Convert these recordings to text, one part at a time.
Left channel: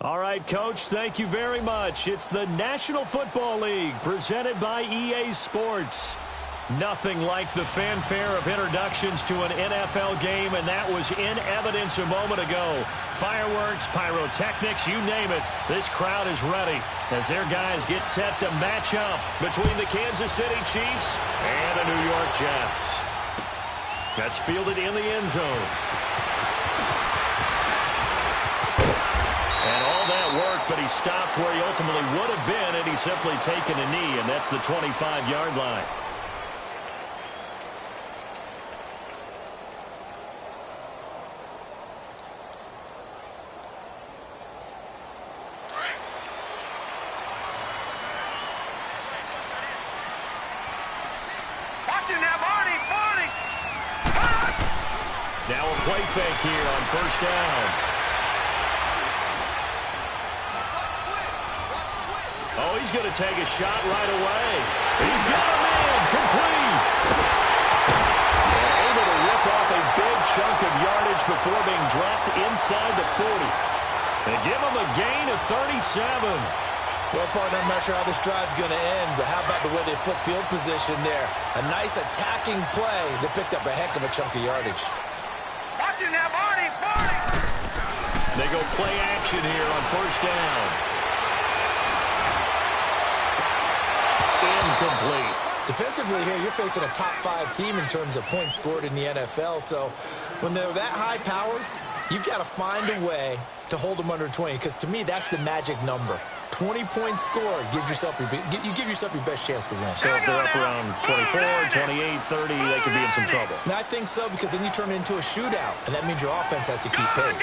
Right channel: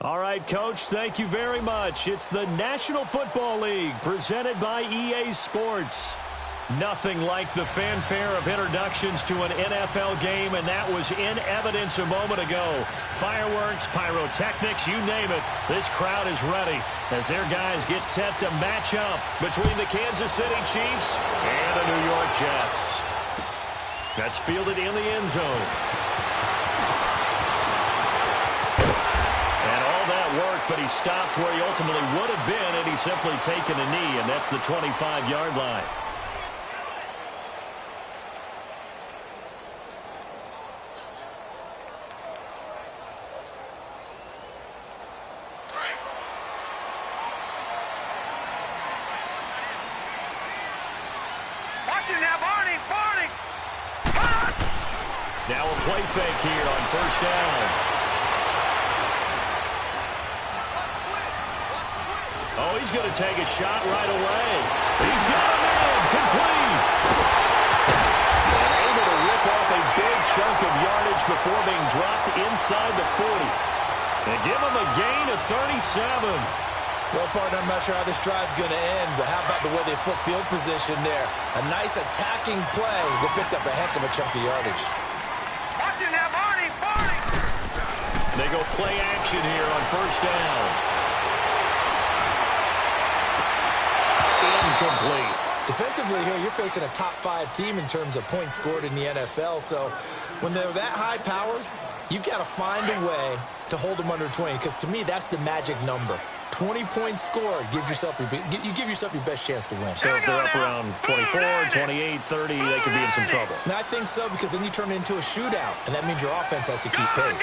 All right, Coach, thank you very much. It's the National Football League presented by EA Sports. Nothing like the fanfare of introductions to an NFL game, and that was in evidence a moment ago. Fireworks, pyrotechnics, you name it. This crowd is ready as their guys get set to match up between the Kansas City Chiefs and the New York Jets. That's fielded in the end zone. And all that work, but he stopped where he ultimately would have been, and he's simply taken a knee, and that's the 25-yard line. Now a play fake here on first down. Oh, he's going to take a shot right away. He's got him in. Complete. And able to rip off a big chunk of yardage before being dropped inside the 40. And give him a gain of 37. Well, partner, I'm not sure how this drive's going to end, but how about the way they flip field position there? A nice attacking play that picked up a heck of a chunk of yardage. Watching that, Barney! They go play action here on first down. Incomplete. Defensively here, you're facing a top-5 team in terms of points scored in the NFL, so when they're that high-powered, you've got to find a way to hold them under 20, because to me, that's the magic number. 20 points scored, you give yourself your best chance to win. So if they're up around 24, 28, 30, they could be in some trouble. And I think so, because then you turn it into a shootout, and that means your offense has to keep pace.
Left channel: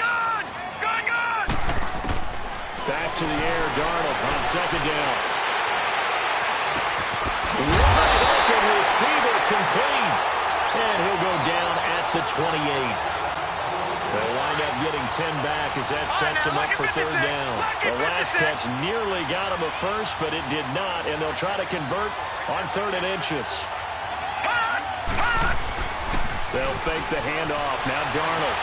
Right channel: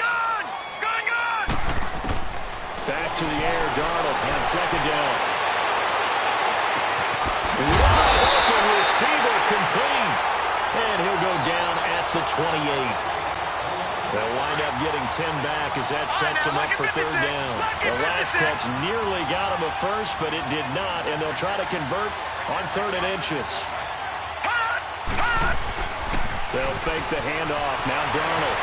Back to the air, Darnold on second down. Wide open receiver, complete. And he'll go down at the 28. They'll wind up getting 10 back as that sets him up for third down. The last catch nearly got him a first, but it did not, and they'll try to convert on 3rd and inches. They'll fake the handoff. Now Darnold.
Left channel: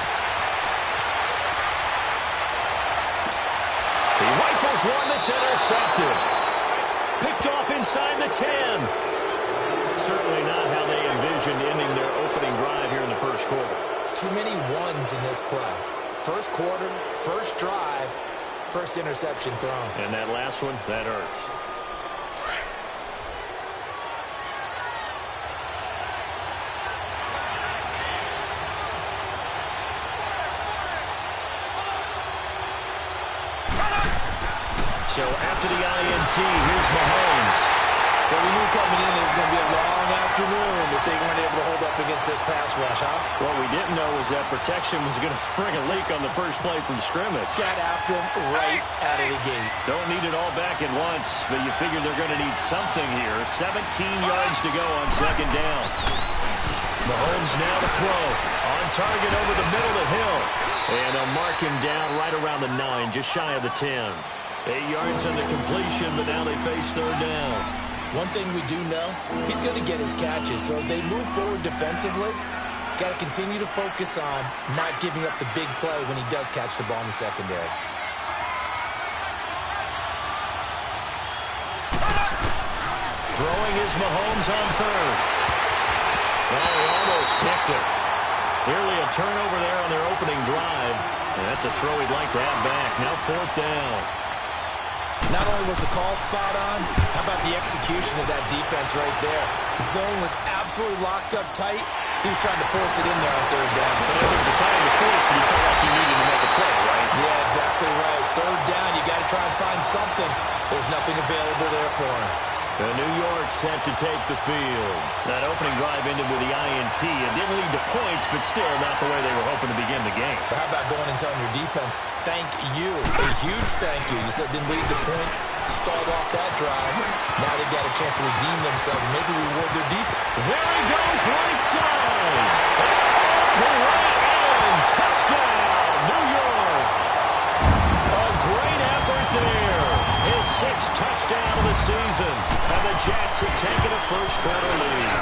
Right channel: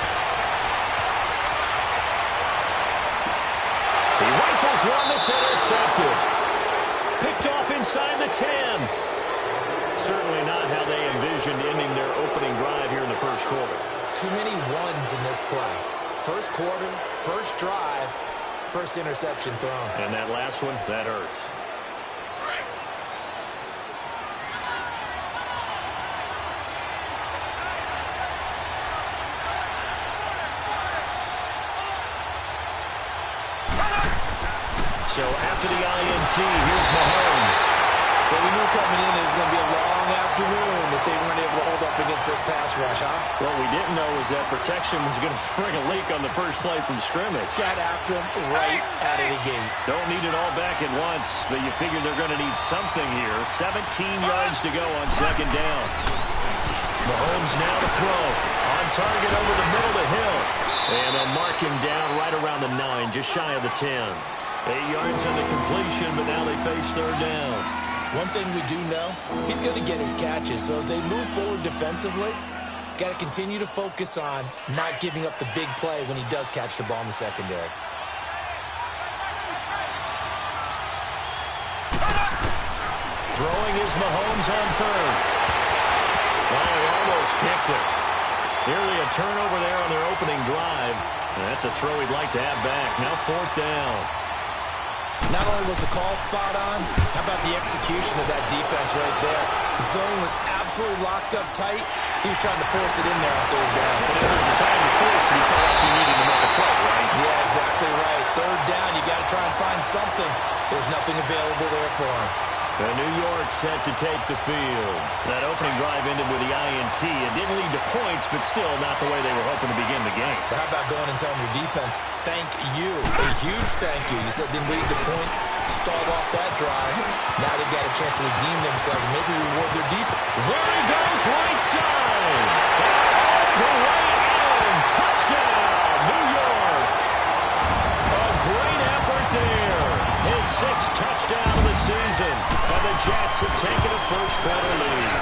He rifles one that's intercepted. Picked off inside the 10. Certainly not how they envisioned ending their opening drive here in the first quarter. Too many ones in this play. First quarter, first drive, first interception thrown. And that last one, that hurts. So after the INT, here's Mahomes. Well, we knew coming in it was going to be a long afternoon if they weren't able to hold up against this pass rush, huh? What we didn't know was that protection was going to spring a leak on the first play from scrimmage. Got after him right out of the gate. Don't need it all back at once, but you figure they're going to need something here. 17 yards to go on second down. Mahomes now to throw. On target over the middle to Hill. And they'll mark him down right around the 9, just shy of the 10. 8 yards on the completion, but now they face third down. One thing we do know, he's going to get his catches. So as they move forward defensively, got to continue to focus on not giving up the big play when he does catch the ball in the secondary. Throwing is Mahomes on third. Oh, he almost picked it. Nearly a turnover there on their opening drive. And that's a throw he'd like to have back. Now fourth down. Not only was the call spot on, how about the execution of that defense right there? The zone was absolutely locked up tight. He was trying to force it in there on third down. But if there's a time to force it, he felt like he needed to make a play, right? Yeah, exactly right. Third down, you got to try and find something. There's nothing available there for him. And New York set to take the field. That opening drive ended with the INT. It didn't lead to points, but still not the way they were hoping to begin the game. But how about going and telling your defense, thank you, a huge thank you. You said it didn't lead to points, start off that drive. Now they've got a chance to redeem themselves and maybe reward their defense. There he goes, right side. All the way in. Touchdown, New York. A great effort there. His 6th touchdown of the season. And the Jets have taken a first quarter lead.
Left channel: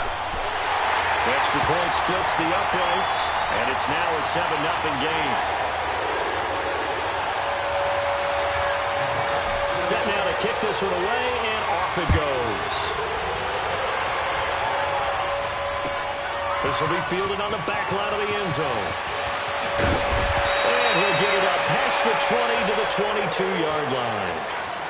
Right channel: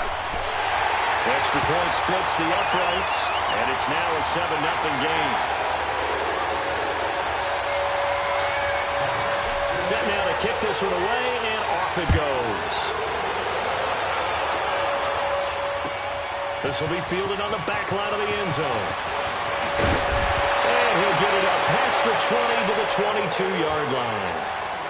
Extra point splits the uprights, and it's now a 7-0 game. Set now to kick this one away, and off it goes. This will be fielded on the back line of the end zone. And he'll get it up past the 20 to the 22-yard line.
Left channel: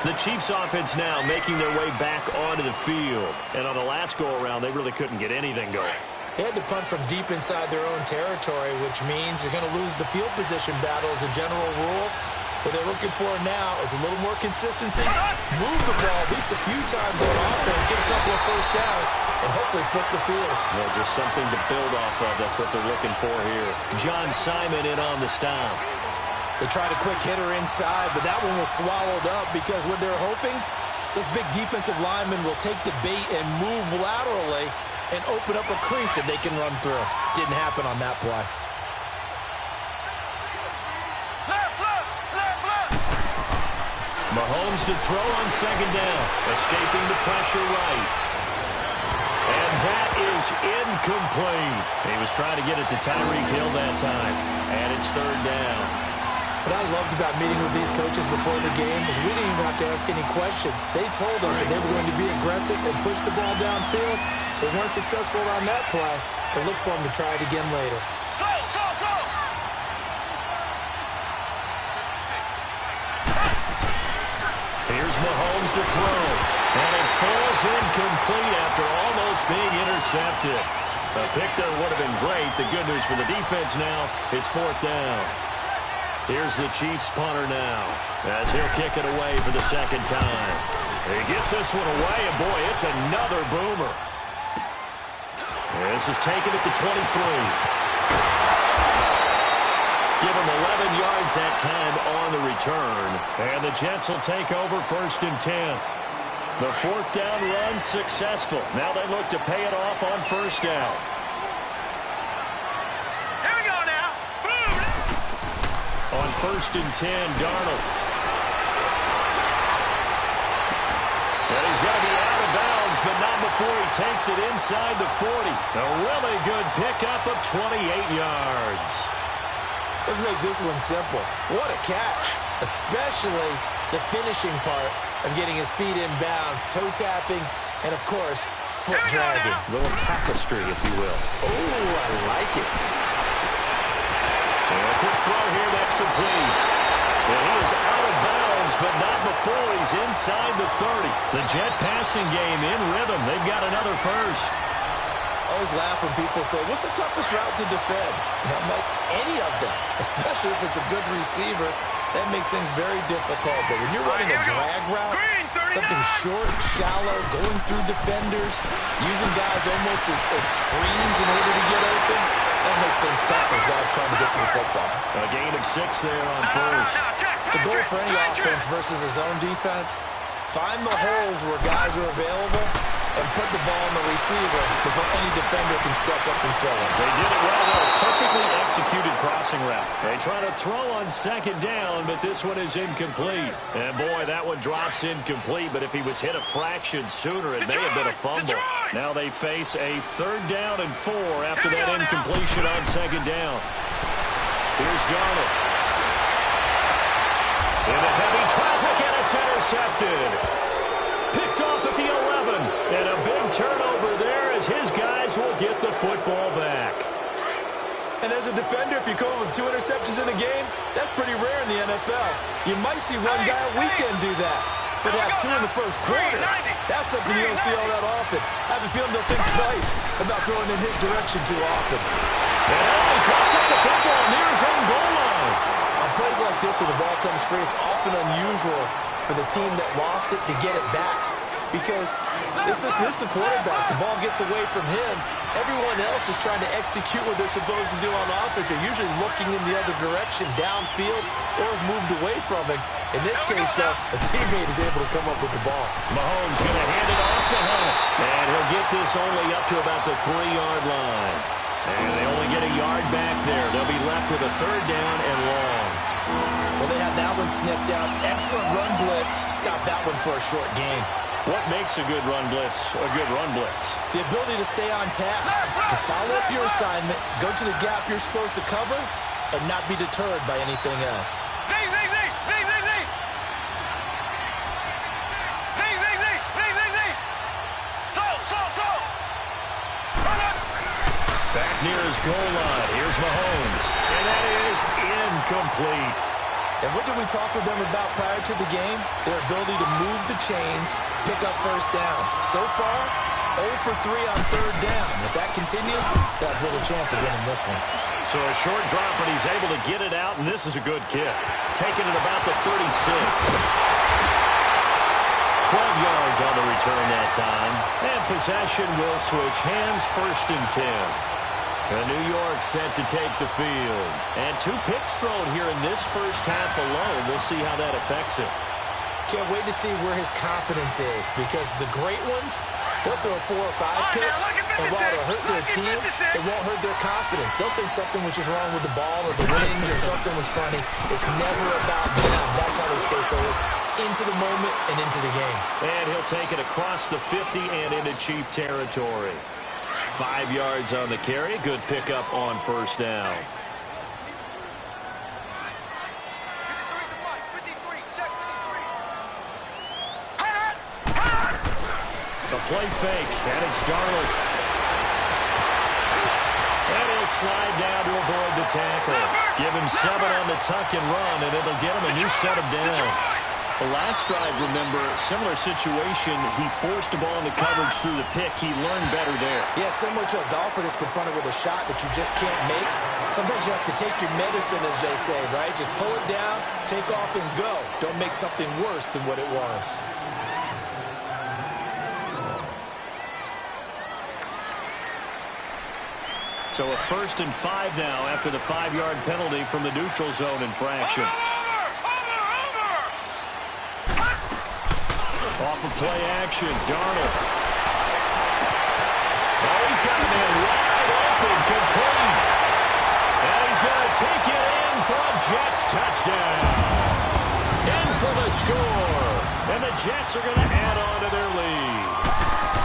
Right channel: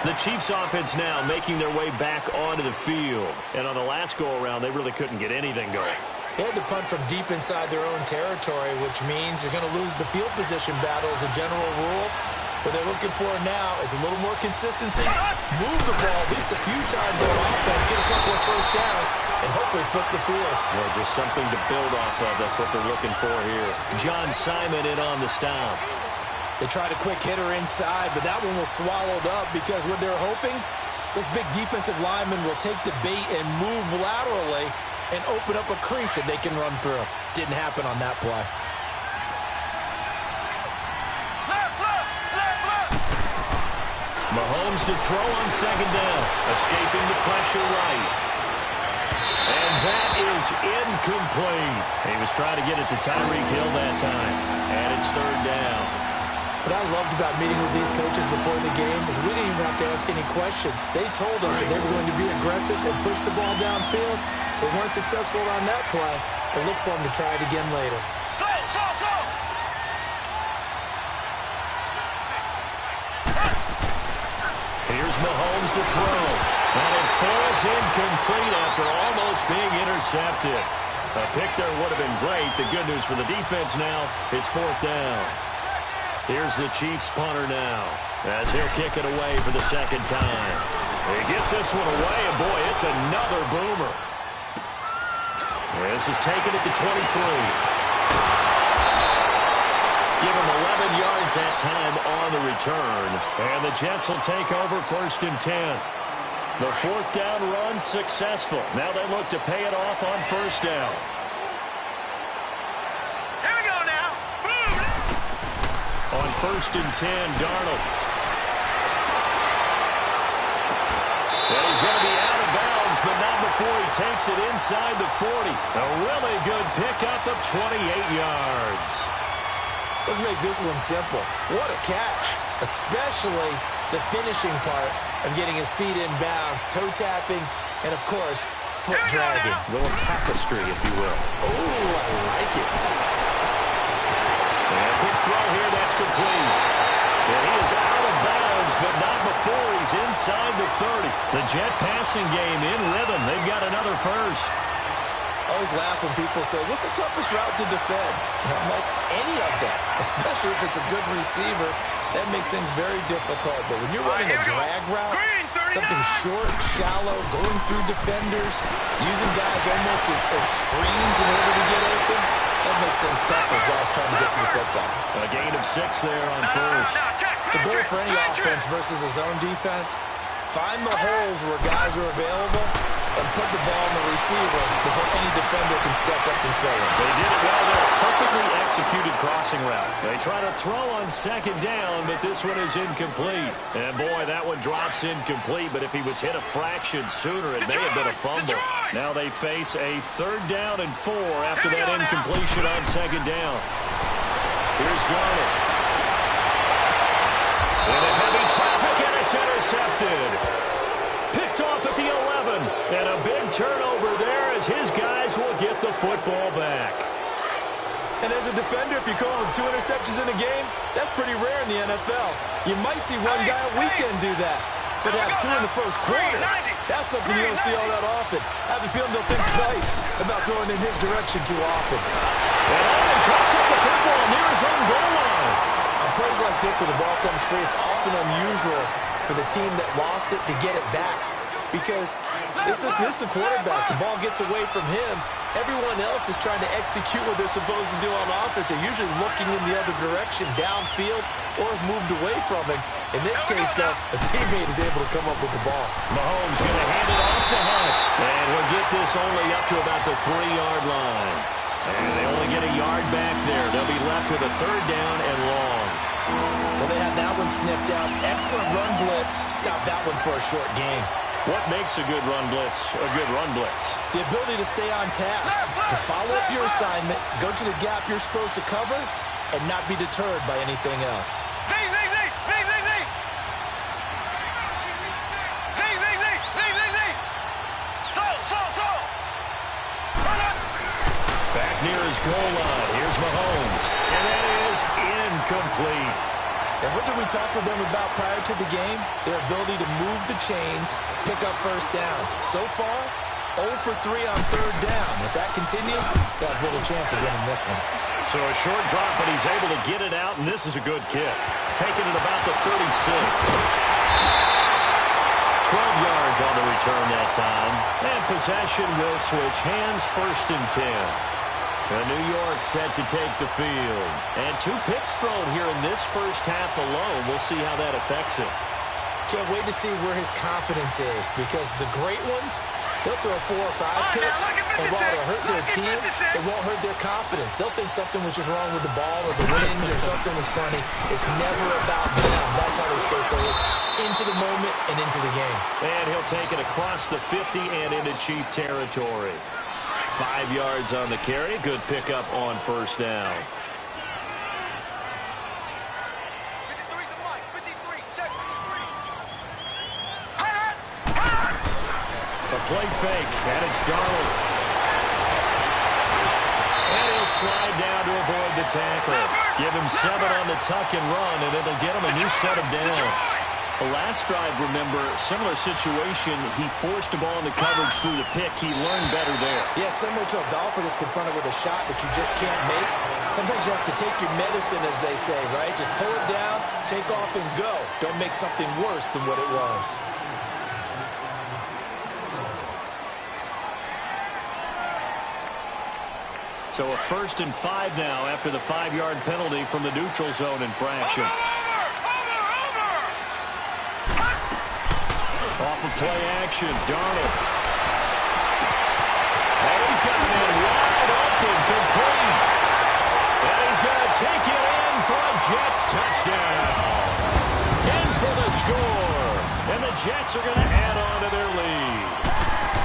The Chiefs offense now making their way back onto the field. And on the last go-around, they really couldn't get anything going. They had to punt from deep inside their own territory, which means you're going to lose the field position battle as a general rule. What they're looking for now is a little more consistency, move the ball at least a few times on offense, get a couple of first downs, and hopefully flip the field. Well, just something to build off of. That's what they're looking for here. John Simon in on the stop. They tried a quick hitter inside, but that one was swallowed up because what they're hoping, those big defensive linemen will take the bait and move laterally and open up a crease that they can run through. Didn't happen on that play. Mahomes to throw on second down, escaping the pressure right. And that is incomplete. He was trying to get it to Tyreek Hill that time, and it's third down. What I loved about meeting with these coaches before the game is we didn't even have to ask any questions. They told us that they were going to be aggressive and push the ball downfield. They weren't successful on that play, but look for them to try it again later. Here's Mahomes to throw, and it falls incomplete after almost being intercepted. A pick there would have been great. The good news for the defense now, it's fourth down. Here's the Chiefs punter now, as he'll kick it away for the second time. He gets this one away, and boy, it's another boomer. This is taken at the 23. Give him 11 yards that time on the return. And the Jets will take over first and 10. The fourth down run successful. Now they look to pay it off on first down. Here we go now. Boom. On first and 10, Darnold. And he's going to be out of bounds, but not before he takes it inside the 40. A really good pickup of 28 yards. Let's make this one simple. What a catch, especially the finishing part of getting his feet in bounds, toe tapping, and, of course, foot dragging. A little tapestry, if you will. Oh, I like it. And a quick throw here, that's complete. And he is out of bounds, but not before he's inside the 30. The Jet passing game in rhythm. They've got another first. I always laugh when people say, what's the toughest route to defend? And I'm like, any of them, especially if it's a good receiver. That makes things very difficult. But when you're running a drag route, something short, shallow, going through defenders, using guys almost as screens in order to get open, that makes things tough for guys trying to get to the football. A gain of 6 there on first. The goal for any offense versus a zone defense, find the holes where guys are available and put the ball on the receiver before any defender can step up and fill it. They did it well there. Perfectly executed crossing route. They try to throw on second down, but this one is incomplete. And, boy, that one drops incomplete, but if he was hit a fraction sooner, it may have been a fumble. Now they face a third down and 4 after that incompletion on second down. Here's Darnold. Into heavy traffic, and it's intercepted. Picked off at the 11, and a big turnover there as his guys will get the football back. And as a defender, if you come up with 2 interceptions in a game, that's pretty rare in the NFL. You might see one guy a weekend do that, but have 2 in the first quarter, that's something you don't see all that often. I have a feeling they'll think twice about throwing in his direction too often. And Allen cuts up the football near his own goal line. On plays like this where the ball comes free, it's often unusual for the team that lost it to get it back. Because this is the quarterback. The ball gets away from him. Everyone else is trying to execute what they're supposed to do on offense. They're usually looking in the other direction, downfield, or have moved away from it. In this case, though, a teammate is able to come up with the ball. Mahomes going to hand it off to Hunt. And he'll get this only up to about the 3-yard line. And they only get a yard back there. They'll be left with a third down and long. Well, they had that one sniffed out. Excellent run blitz. Stop that one for a short gain. What makes a good run blitz a good run blitz? The ability to stay on task, to follow up your assignment, go to the gap you're supposed to cover, and not be deterred by anything else. near his goal line. Here's Mahomes. And that is incomplete. And what did we talk with them about prior to the game? Their ability to move the chains, pick up first downs. So far, 0 for 3 on third down. If that continues, they'll have little chance of winning this one. So a short drop, but he's able to get it out, and this is a good kick. Taking it about the 36. 12 yards on the return that time. And possession will switch hands, 1st and 10. New York set to take the field. And 2 picks thrown here in this first half alone. We'll see how that affects him. Can't wait to see where his confidence is, because the great ones, they'll throw 4 or 5 picks, and while it'll hurt their team, it won't hurt their confidence. They'll think something was just wrong with the ball or the wind or something was funny. It's never about them. That's how they stay so into the moment and into the game. And he'll take it across the 50 and into Chief territory. 5 yards on the carry. Good pickup on 1st down. The play fake, and it's Darnold. And he'll slide down to avoid the tackle. Give him 7 on the tuck and run, and it'll get him a new set of downs. The last drive, remember, similar situation. He forced a ball into coverage through the pick. He learned better there. Yeah, similar to a golfer that's confronted with a shot that you just can't make. Sometimes you have to take your medicine, as they say, right? Just pull it down, take off, and go. Don't make something worse than what it was. So a 1st and 5 now after the 5-yard penalty from the neutral zone infraction. Off of play action, Darnold. Oh, he's got a man wide open, complete. And he's going to take it in for a Jets touchdown. In for the score. And the Jets are going to add on to their lead.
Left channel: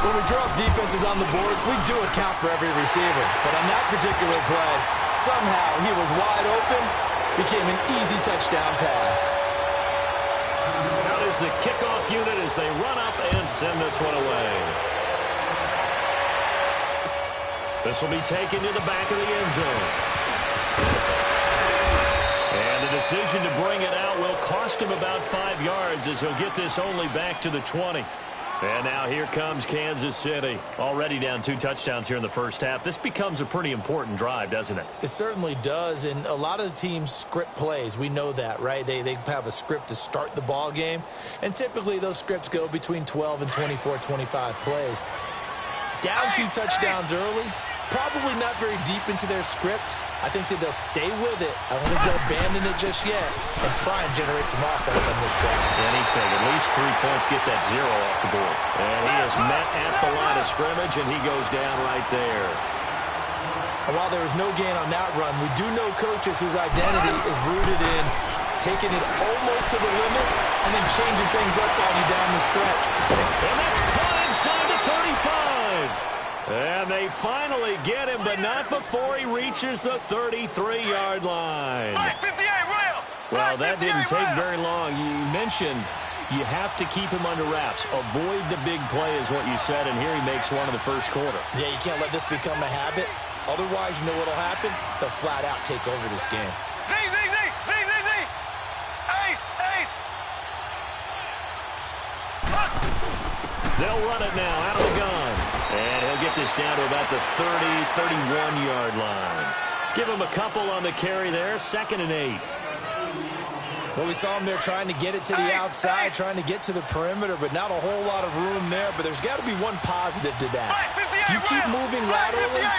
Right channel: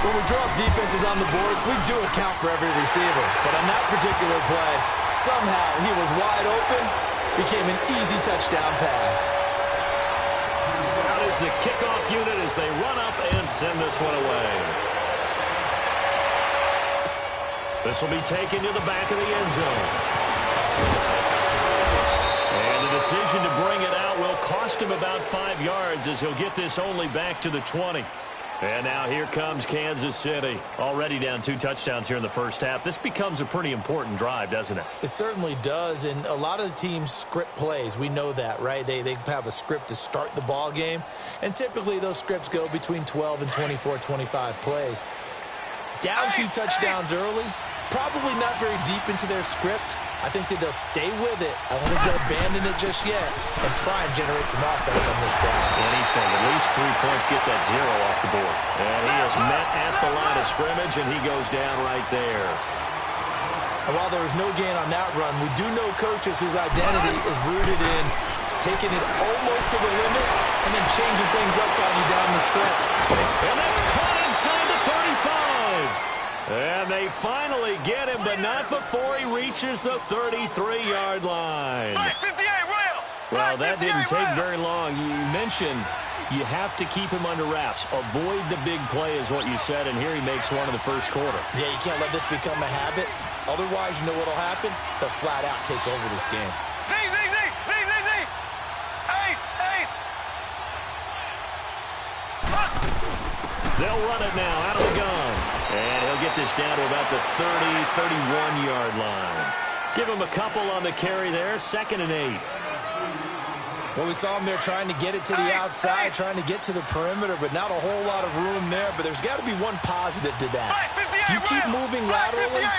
When we draw up defenses on the board, we do account for every receiver. But on that particular play, somehow he was wide open, became an easy touchdown pass. Out is the kickoff unit as they run up and send this one away. This will be taken to the back of the end zone. And the decision to bring it out will cost him about 5 yards, as he'll get this only back to the 20. And now here comes Kansas City. Already down 2 touchdowns here in the first half. This becomes a pretty important drive, doesn't it? It certainly does, and a lot of the teams script plays. We know that, right? They have a script to start the ball game, and typically those scripts go between 12 and 24, 25 plays. Down 2 touchdowns early, probably not very deep into their script. I think that they'll stay with it. I don't think they'll abandon it just yet and try and generate some offense on this drive. Anything. At least 3 points, get that 0 off the board. And he is met at the line of scrimmage, and he goes down right there. And while there was no gain on that run, we do know coaches whose identity is rooted in taking it almost to the limit and then changing things up on you down the stretch. And that's caught inside the 35. And they finally get him, but not before he reaches the 33-yard line. Well, that didn't take very long. You mentioned you have to keep him under wraps. Avoid the big play is what you said, and here he makes one in the first quarter. Yeah, you can't let this become a habit. Otherwise, you know what will happen? They'll flat out take over this game. They'll run it now out of the gun. And he'll get this down to about the 30, 31-yard line. Give him a couple on the carry there. 2nd and 8. Well, we saw him there trying to get it to the outside, trying to get to the perimeter, but not a whole lot of room there. But there's got to be one positive to that. If you keep moving laterally,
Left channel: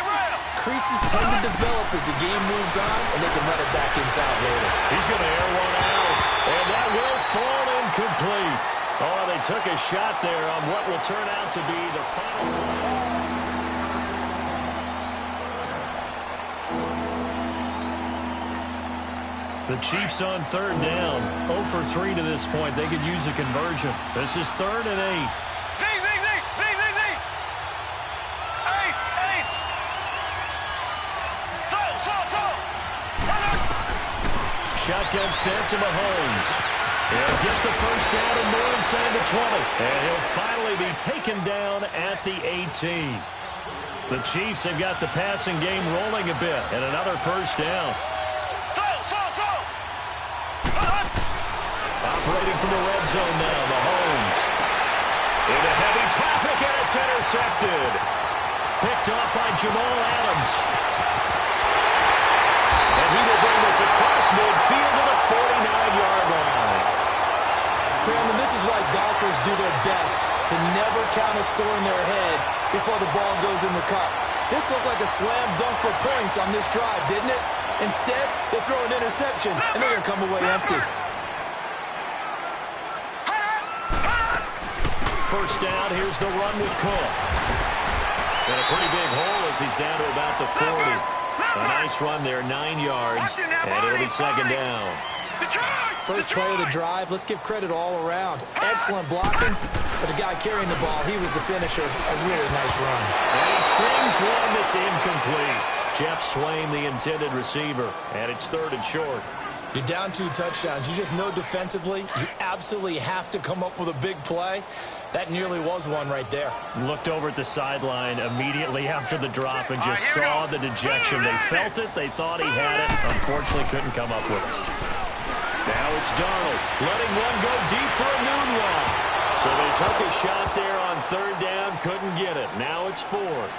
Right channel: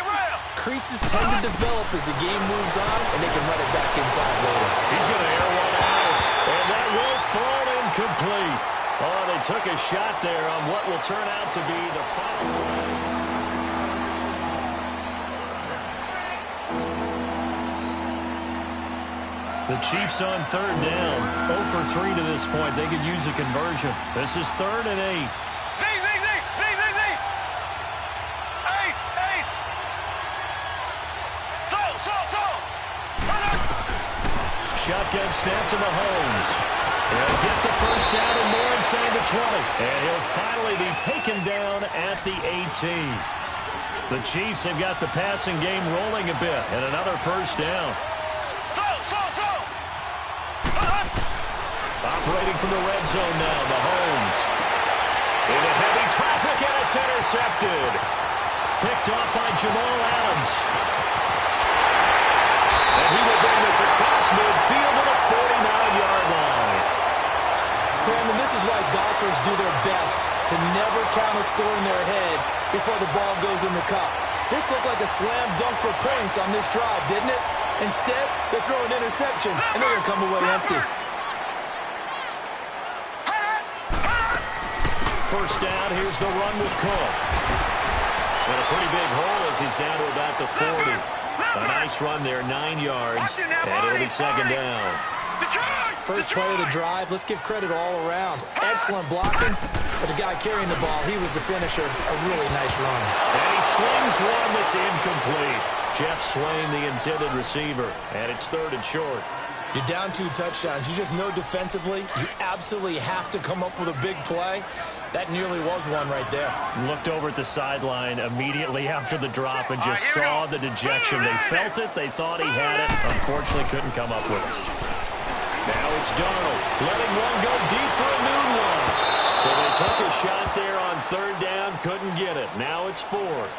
creases tend to develop as the game moves on, and they can run it back inside later. He's going to air one out, and that will fall incomplete. Oh, they took a shot there on what will turn out to be the final play. The Chiefs on 3rd down. 0 for 3 to this point. They could use a conversion. This is 3rd and 8. Shotgun snap to Mahomes. He'll get the first down and more inside the 20. And he'll finally be taken down at the 18. The Chiefs have got the passing game rolling a bit, and another first down. Operating from the red zone now, Mahomes. Into heavy traffic, and it's intercepted. Picked off by Jamal Adams. And he will bring this across midfield to the 49-yard line. Brandon, this is why golfers do their best to never count a score in their head before the ball goes in the cup. This looked like a slam dunk for points on this drive, didn't it? Instead, they throw an interception, and they're going to come away empty. First down, here's the run with Cook. Got a pretty big hole as he's down to about the 40. A nice run there, 9 yards, and it'll be second down. First play of the drive, let's give credit all around. Excellent blocking, but the guy carrying the ball, he was the finisher. A really nice run. And he slings one that's incomplete. Jeff Swain, the intended receiver, and it's 3rd and short. You're down 2 touchdowns. You just know defensively you absolutely have to come up with a big play. That nearly was one right there. Looked over at the sideline immediately after the drop and just saw the dejection. They felt it. They thought he had it. Unfortunately, couldn't come up with it. Now it's Darnold letting one go deep for a noon long. So they took a shot there on 3rd down. Couldn't get it. Now it's 4th.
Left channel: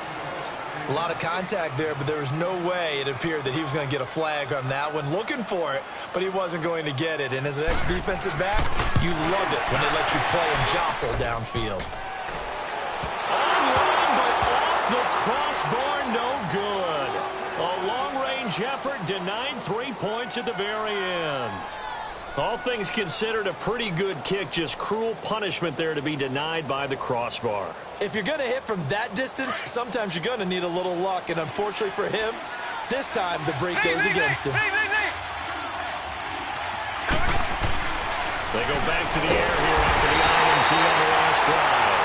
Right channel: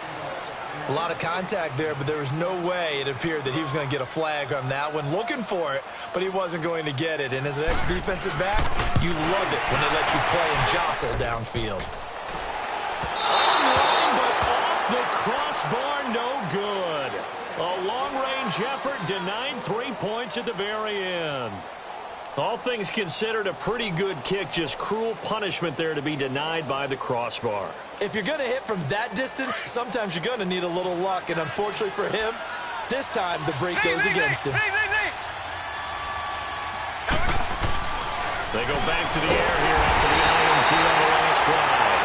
A lot of contact there, but there was no way it appeared that he was going to get a flag on that one. Looking for it, but he wasn't going to get it. And as an ex-defensive back, you love it when they let you play and jostle downfield. Online, but off the crossbar, no good. A long-range effort denied 3 points at the very end. All things considered, a pretty good kick, just cruel punishment there to be denied by the crossbar. If you're going to hit from that distance, sometimes you're going to need a little luck, and unfortunately for him, this time the break goes against him. They go back to the air here after the INT on the last drive.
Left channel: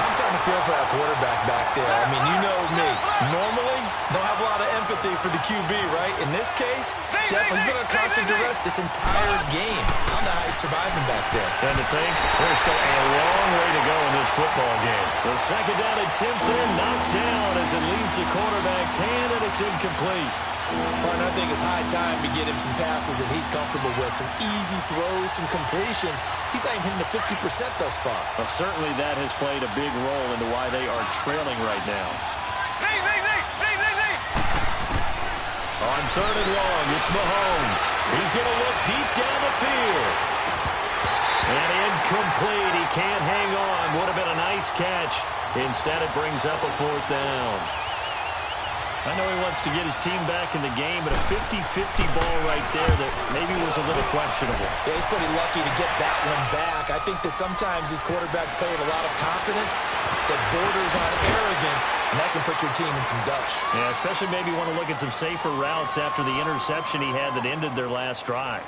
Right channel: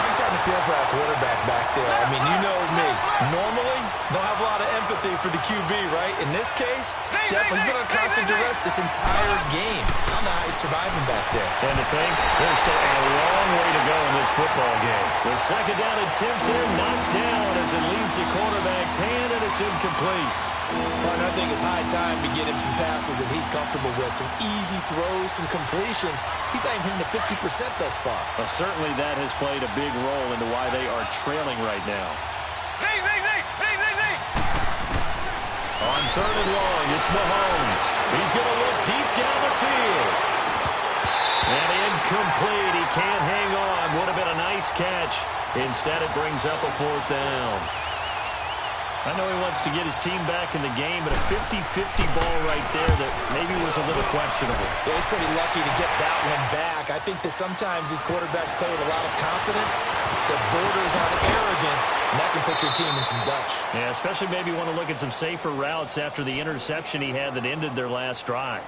I'm starting to feel for that quarterback back there. I mean, you know me. Normally, don't have a lot of empathy for the QB, right? In this case, definitely been on constant duress this entire game. I don't know how he's surviving back there. And to think, there's still a long way to go in this football game. The second down attempt there knocked down as it leaves the quarterback's hand, and it's incomplete. Well, and I think it's high time to get him some passes that he's comfortable with, some easy throws, some completions. He's not even hitting the 50% thus far. Well, certainly that has played a big role into why they are trailing right now. On 3rd and long, it's Mahomes. He's going to look deep down the field. And incomplete. He can't hang on. Would have been a nice catch. Instead, it brings up a 4th down. I know he wants to get his team back in the game, but a 50-50 ball right there that maybe was a little questionable. Yeah, he's pretty lucky to get that one back. I think that sometimes these quarterbacks play with a lot of confidence that borders on arrogance, and that can put your team in some Dutch. Yeah, especially maybe want to look at some safer routes after the interception he had that ended their last drive.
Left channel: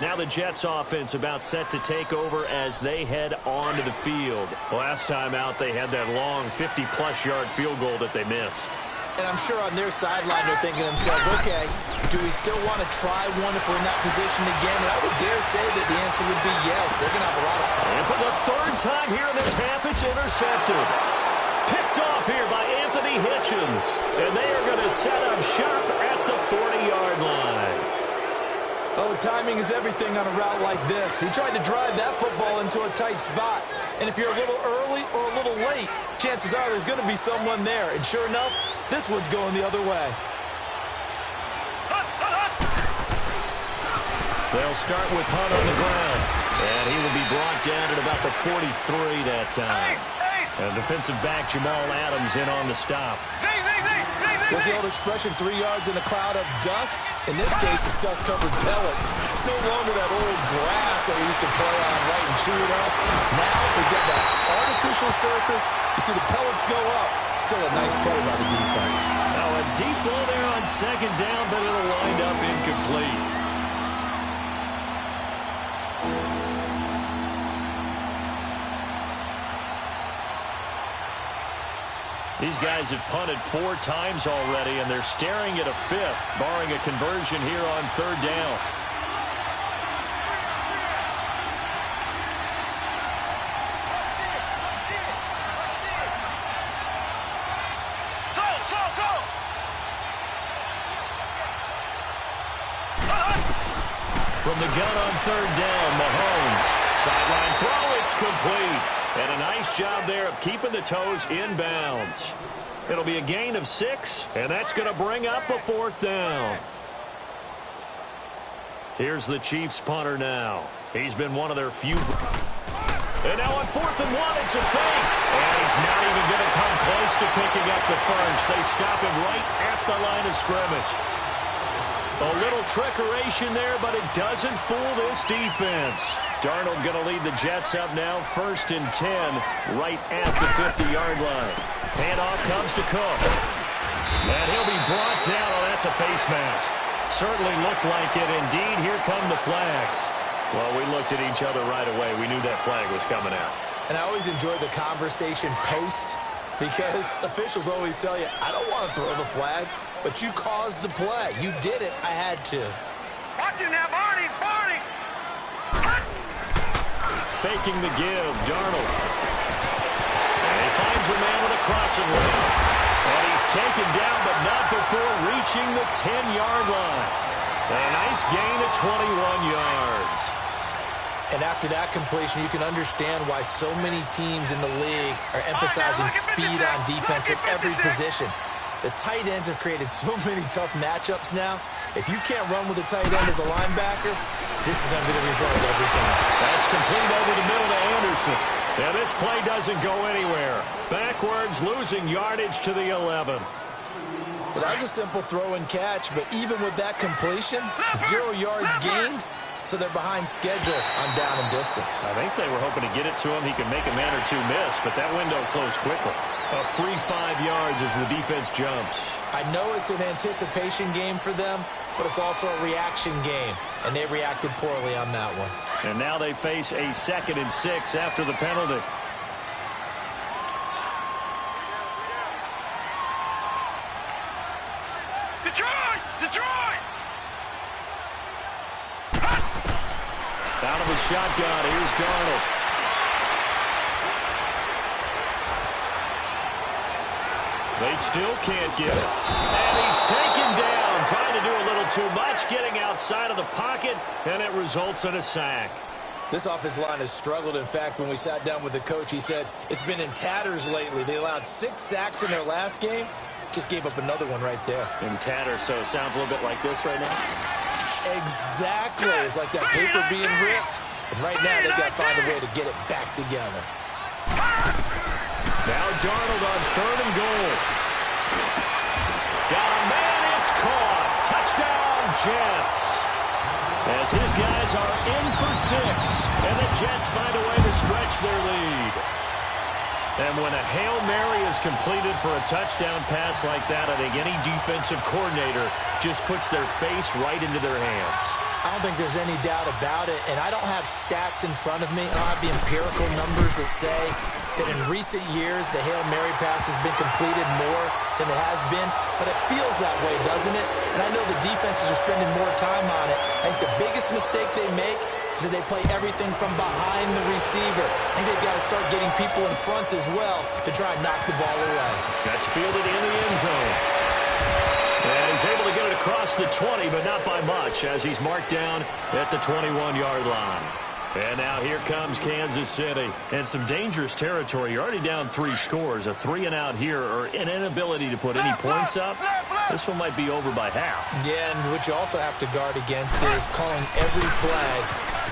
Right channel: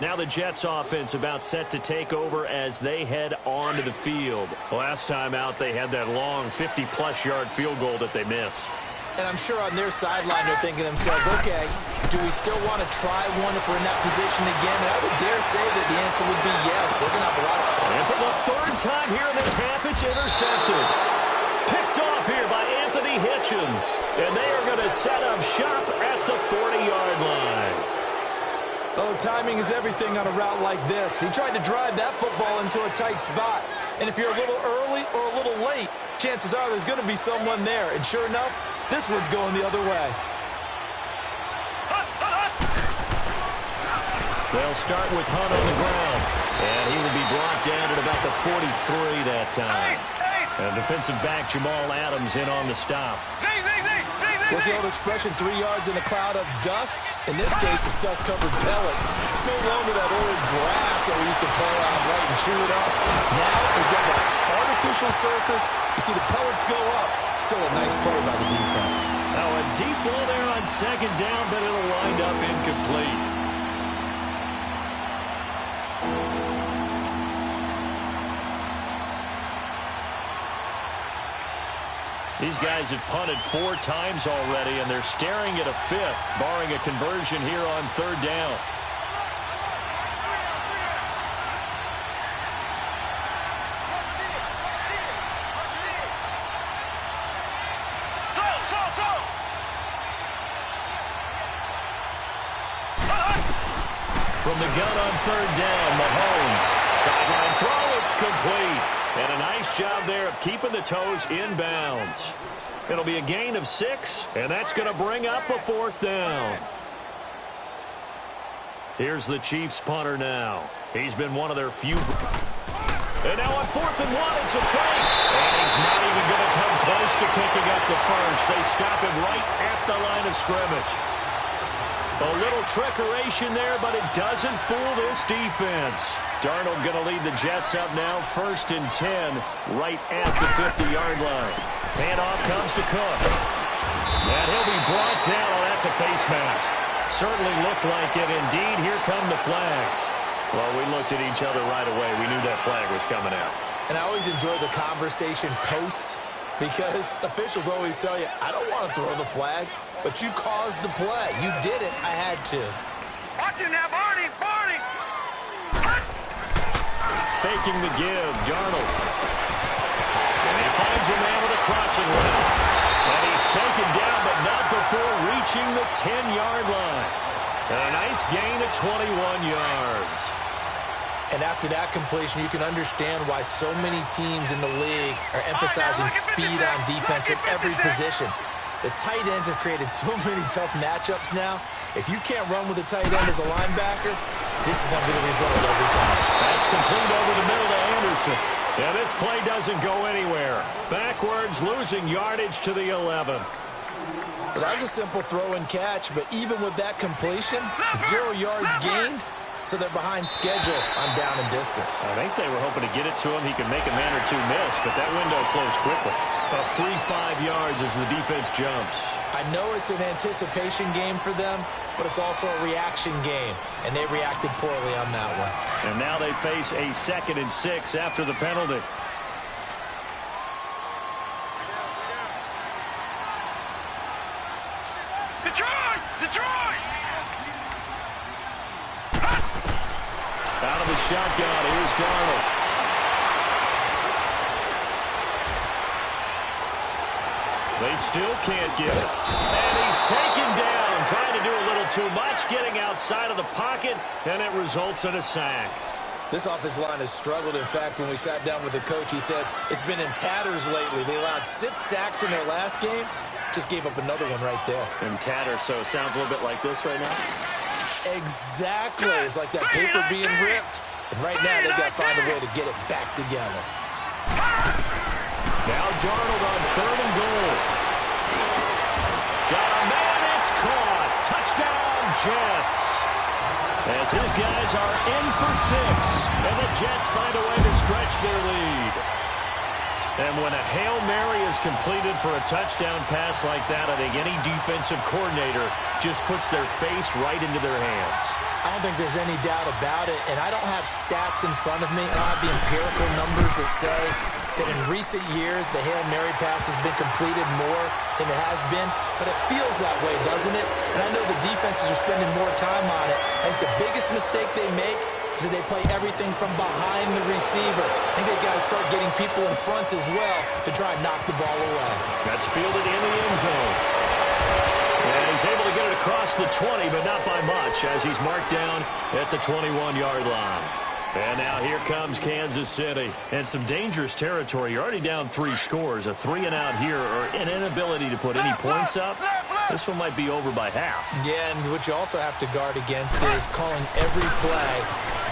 Now the Jets offense about set to take over as they head onto the field. Last time out, they had that long 50-plus yard field goal that they missed. And I'm sure on their sideline they're thinking to themselves, okay, do we still want to try one if we're in that position again? And I would dare say that the answer would be yes. They're going to have a lot of... And for the 3rd time here in this half, it's intercepted. Picked off here by Anthony Hitchens. And they are going to set up shop at the 40-yard line. Oh, timing is everything on a route like this. He tried to drive that football into a tight spot. And if you're a little early or a little late, chances are there's going to be someone there. And sure enough, this one's going the other way. They'll start with Hunt on the ground. And he will be brought down at about the 43 that time. And defensive back Jamal Adams in on the stop. What's the old expression, 3 yards in a cloud of dust? In this case, it's dust-covered pellets. It's no longer that old grass that we used to play on, right, and chew it up. Now we've got that artificial surface. You see the pellets go up. Still a nice play by the defense. Now a deep ball there on 2nd down, but it'll wind up incomplete. These guys have punted 4 times already, and they're staring at a 5th, barring a conversion here on 3rd down. From the gun on third down, Mahomes. Sideline throw, it's complete. And a nice job there of keeping the toes in bounds. It'll be a gain of 6, and that's going to bring up a 4th down. Here's the Chiefs punter now. He's been one of their few. And now on 4th and 1, it's a fake. And he's not even going to come close to picking up the first. They stop him right at the line of scrimmage. A little trickeration there, but it doesn't fool this defense. Darnold going to lead the Jets up now, 1st and 10, right at the 50-yard line. Handoff comes to Cook. And he'll be brought down. Oh, that's a face mask. Certainly looked like it. Indeed, here come the flags. Well, we looked at each other right away. We knew that flag was coming out. And I always enjoy the conversation post because officials always tell you, I don't want to throw the flag, but you caused the play. You did it. I had to. Watch him now, Barney. Barney. Faking the give, Darnold. And he finds a man with a crossing route. And he's taken down, but not before reaching the 10-yard line. And a nice gain of 21 yards. And after that completion, you can understand why so many teams in the league are emphasizing speed on defense at every position. The tight ends have created so many tough matchups now. If you can't run with a tight end as a linebacker, this is going to be the result every time. That's complete over the middle to Anderson. And this play doesn't go anywhere. Backwards, losing yardage to the 11. Well, that was a simple throw and catch, but even with that completion, 0 yards gained, so they're behind schedule on down and distance. I think they were hoping to get it to him. He could make a man or two miss, but that window closed quickly. A free 5 yards as the defense jumps. I know it's an anticipation game for them, but it's also a reaction game, and they reacted poorly on that one. And now they face a 2nd and 6 after the penalty. Detroit! Detroit! Out of the shotgun, here's Darnold. They still can't get it. And he's taken down, trying to do a little too much, getting outside of the pocket, and it results in a sack. This offensive line has struggled. In fact, when we sat down with the coach, he said it's been in tatters lately. They allowed 6 sacks in their last game. Just gave up another one right there. In tatters, so it sounds a little bit like this right now? Exactly. It's like that paper being ripped. And right now, they've got to find a way to get it back together. Now Darnold on 3rd and goal. Got a man, it's caught. Touchdown, Jets. As his guys are in for 6. And the Jets find a way to stretch their lead. And when a Hail Mary is completed for a touchdown pass like that, I think any defensive coordinator just puts their face right into their hands. I don't think there's any doubt about it, and I don't have stats in front of me. I don't have the empirical numbers that say that in recent years the Hail Mary pass has been completed more than it has been, but it feels that way, doesn't it? And I know the defenses are spending more time on it. I think the biggest mistake they make is that they play everything from behind the receiver. I think they've got to start getting people in front as well to try and knock the ball away. That's fielded in the end zone. And he's able to get it across the 20, but not by much, as he's marked down at the 21-yard line. And now here comes Kansas City. And some dangerous territory. You're already down 3 scores. A 3-and-out here, or an inability to put any points up. This one might be over by half. Yeah, and what you also have to guard against is calling every play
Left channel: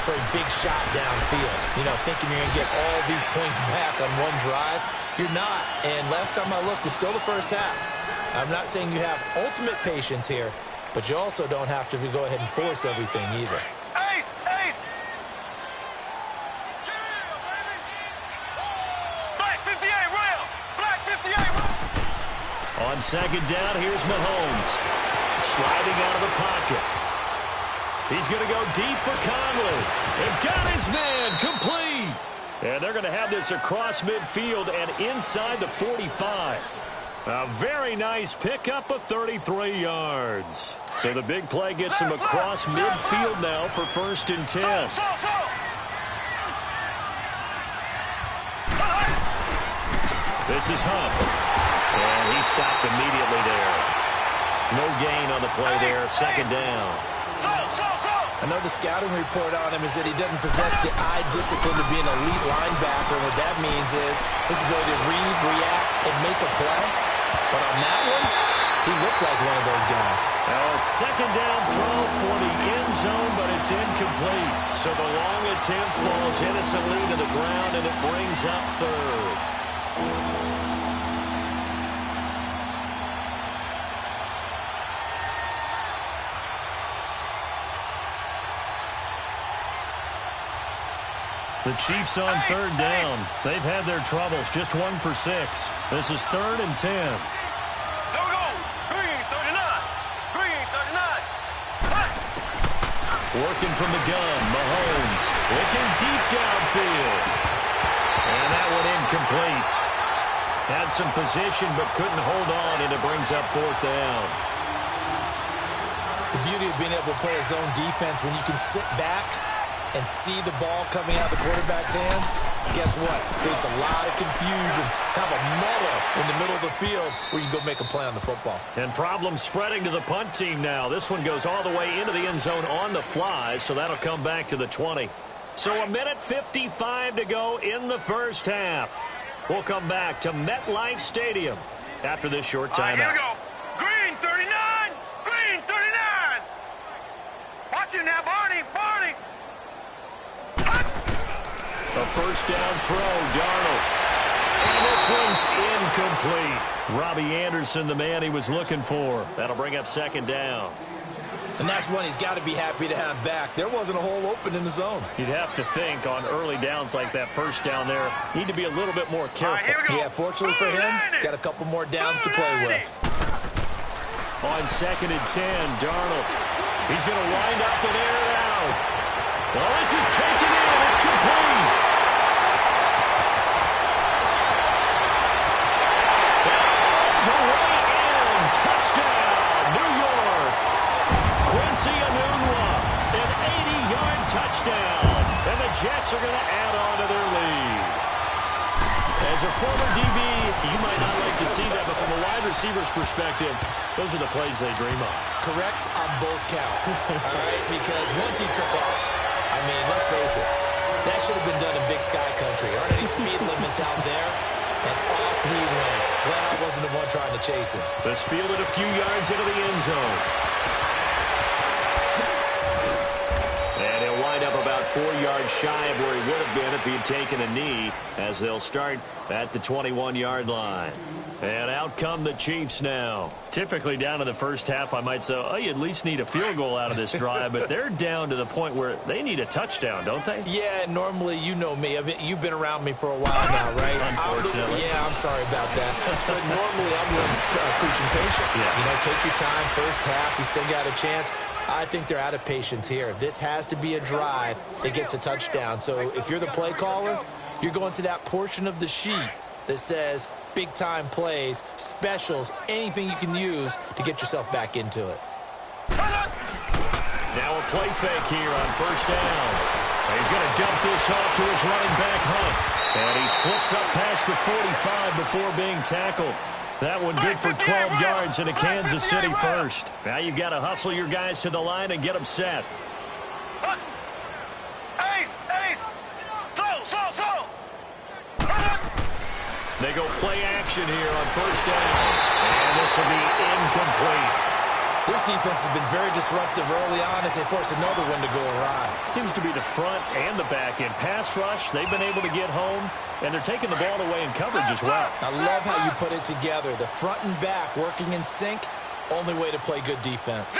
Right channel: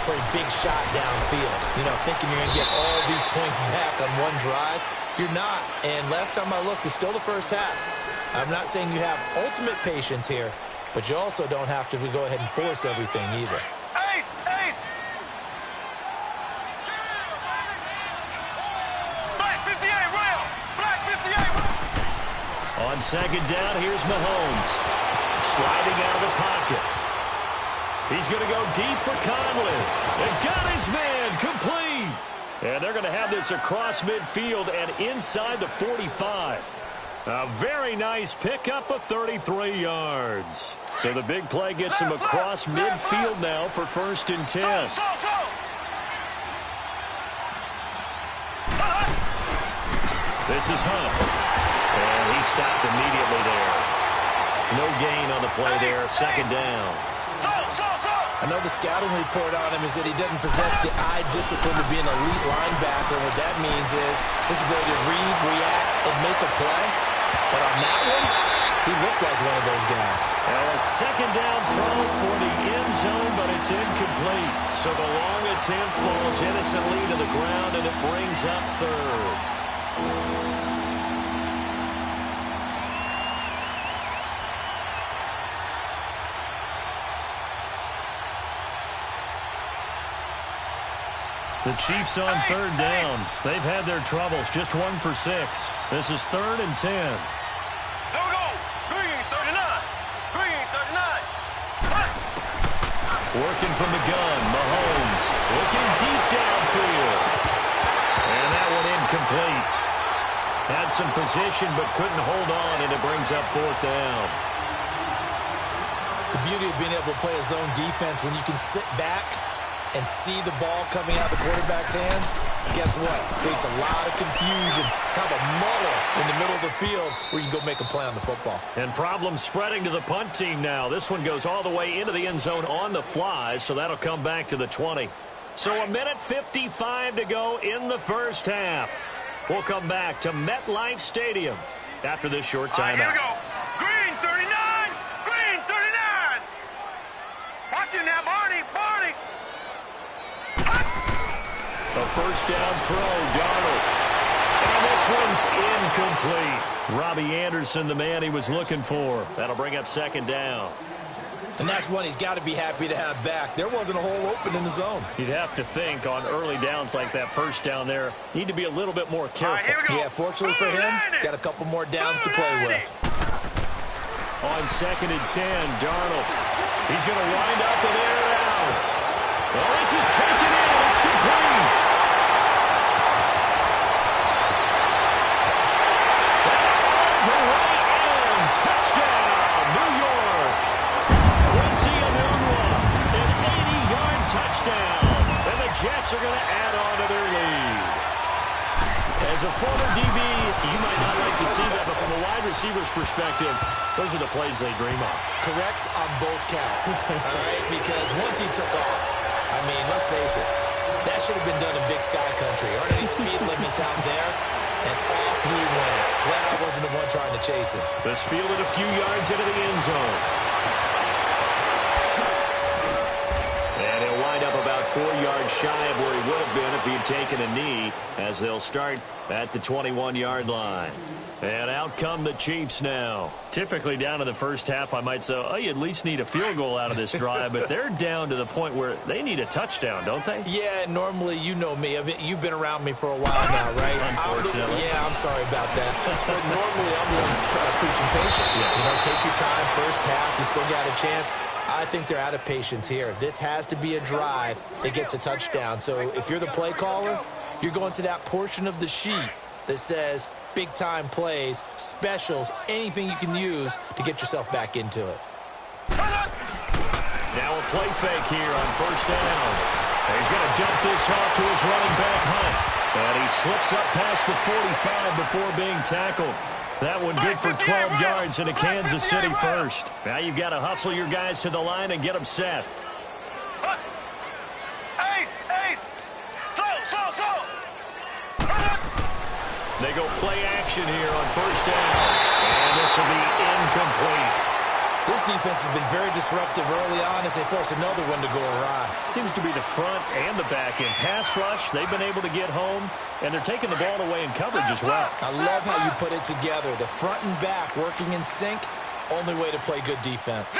for a big shot downfield. You know, thinking you're going to get all these points back on one drive. You're not. And last time I looked, it's still the first half. I'm not saying you have ultimate patience here, but you also don't have to go ahead and force everything either. Ace! Ace! Black 58, rail! Black 58, rail! On 2nd down, here's Mahomes. Sliding out of the pocket. He's going to go deep for Conley. And got his man complete. And they're going to have this across midfield and inside the 45. A very nice pickup of 33 yards. So the big play gets him across midfield now for 1st and 10. This is Hunt. And he stopped immediately there. No gain on the play there. 2nd down. I know the scouting report on him is that he doesn't possess the eye discipline to be an elite linebacker. What that means is his ability to read, react, and make a play. But on that one, he looked like one of those guys. Now a second down throw for the end zone, but it's incomplete. So the long attempt falls innocently to the ground, and it brings up third. The Chiefs on third down. They've had their troubles, just 1 for 6. This is 3rd and 10. Here we go. Green 39. Green 39. Working from the gun, Mahomes looking deep downfield. And that one incomplete. Had some position but couldn't hold on, and it brings up 4th down. The beauty of being able to play a zone defense when you can sit back and see the ball coming out of the quarterback's hands, guess what? Creates a lot of confusion, kind of a muddle in the middle of the field where you can go make a play on the football. And problems spreading to the punt team now. This one goes all the way into the end zone on the fly, so that'll come back to the 20. So 1:55 to go in the first half. We'll come back to MetLife Stadium after this short timeout. Here we go. Green 39. Green 39. Watch it now, Barney. Barney. A first down throw, Darnold. And this one's incomplete. Robbie Anderson, the man he was looking for. That'll bring up 2nd down. And that's one he's got to be happy to have back. There wasn't a hole open in the zone. You'd have to think on early downs like that first down there, need to be a little bit more careful. Yeah, fortunately for him, got a couple more downs to play with. On 2nd and 10, Darnold. He's going to wind up and air it out. Oh, this is taken in. It's complete. And on the way in. Touchdown, New York. Quincy Enunwa, an 80-yard touchdown. And the Jets are going to add on to their lead. As a former DB, you might not like to see that, but from a wide receiver's perspective, those are the plays they dream of. Correct on both counts, all right? Because once he took off, I mean, let's face it, that should have been done in Big Sky Country. Aren't any speed limits out there? And off he went. Glad I wasn't the one trying to chase him. This fielded a few yards into the end zone. And he'll wind up about 4 yards shy of where he would have been if he had taken a knee, as they'll start at the 21-yard line. And out come the Chiefs now. Typically down in the first half, I might say, oh, you at least need a field goal out of this drive, but they're down to the point where they need a touchdown, don't they? Yeah, normally, you know me. You've been around me for a while now, right? Unfortunately. Yeah, I'm sorry about that. But normally, I'm the one preaching patience. Yeah. You know, take your time. First half, you still got a chance. I think they're out of patience here. This has to be a drive that gets a touchdown. So if you're the play caller, you're going to that portion of the sheet that says big-time plays, specials, anything you can use to get yourself back into it. Now a play fake here on first down. And he's going to dump this off to his running back, Hunt. And he slips up past the 45 before being tackled. That one good for 12 yards in a Kansas City first. Now you've got to hustle your guys to the line and get them set. They go play action here on first down. And this will be incomplete. This defense has been very disruptive early on as they force another one to go awry. Seems to be the front and the back end. Pass rush, they've been able to get home, and they're taking the ball away in coverage as well. I love how you put it together. The front and back working in sync, only way to play good defense.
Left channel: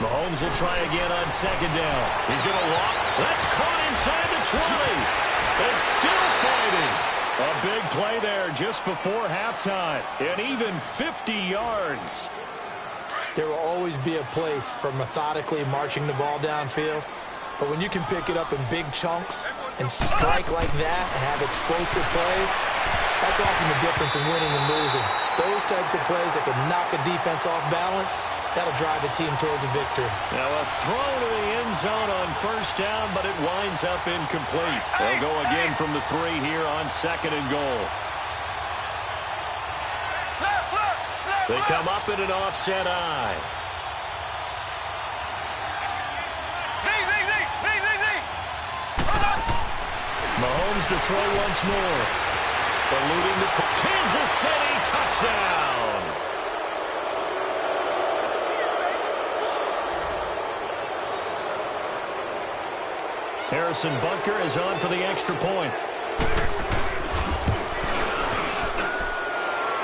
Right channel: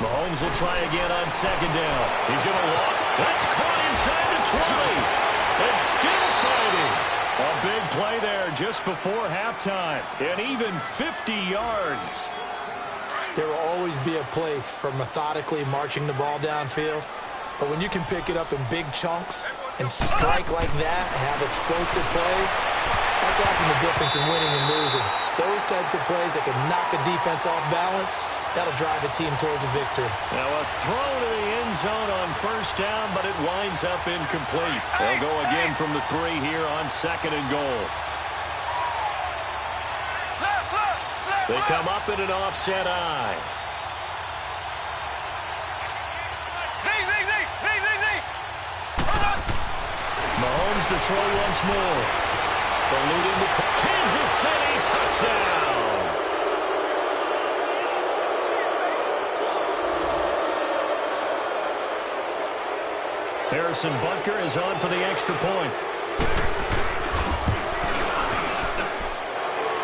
Mahomes will try again on second down. He's going to walk. That's caught inside the 20. And still fighting. A big play there just before halftime. And even 50 yards. There will always be a place for methodically marching the ball downfield. But when you can pick it up in big chunks and strike like that and have explosive plays, that's often the difference in winning and losing. Those types of plays that can knock a defense off balance, that'll drive a team towards a victory. Now a throw to the end zone on first down, but it winds up incomplete. They'll go again from the 3 here on second and goal. They come up in an offset eye. Mahomes to throw once more. Eluding the Kansas City touchdown. Harrison Butker is on for the extra point.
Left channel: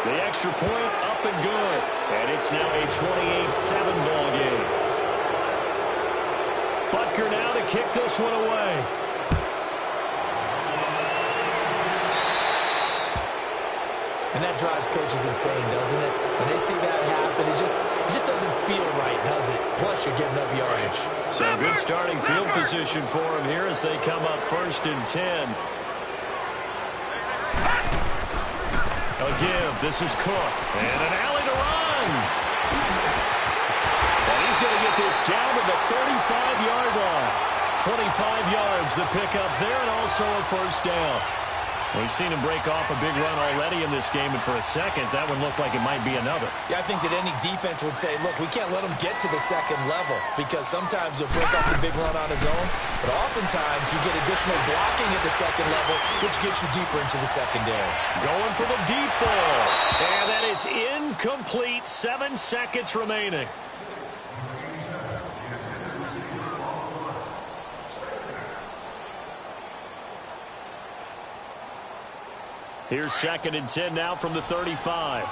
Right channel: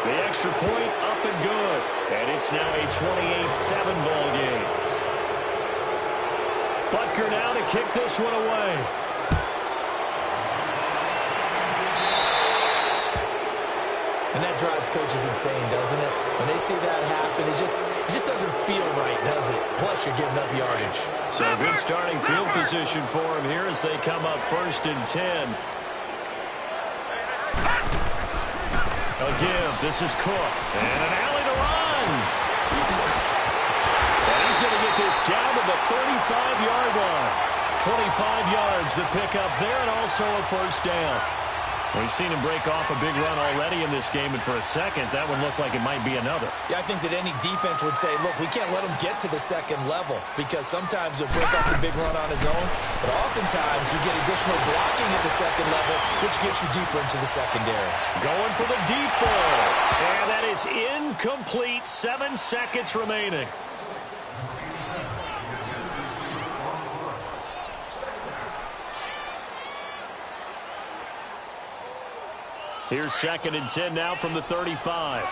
The extra point up and good. And it's now a 28-7 ball game. Butker now to kick this one away. And that drives coaches insane, doesn't it? When they see that happen, it just doesn't feel right, does it? Plus, you're giving up yardage. So good starting field position for him here as they come up 1st and 10. A give. This is Cook. And an alley to run. And he's going to get this down to the 35-yard line. 25 yards to pick up there, and also a first down. We've seen him break off a big run already in this game, and for a second, that one looked like it might be another. Yeah, I think that any defense would say, look, we can't let him get to the second level, because sometimes he'll break off the big run on his own, but oftentimes you get additional blocking at the second level, which gets you deeper into the secondary. Going for the deep ball, and that is incomplete. 7 seconds remaining. Here's 2nd and 10 now from the 35.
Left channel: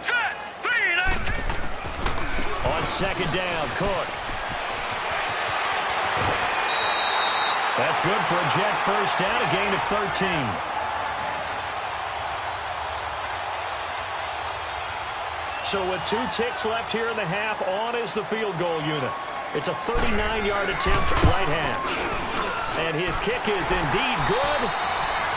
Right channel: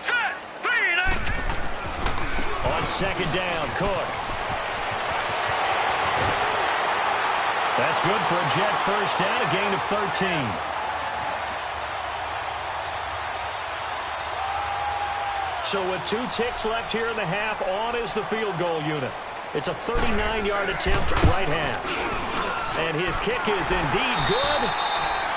Set. 3-9. On 2nd down, Cook. That's good for a Jet first down, a gain of 13. So with 2 ticks left here in the half, on is the field goal unit. It's a 39-yard attempt, right hash. And his kick is indeed good.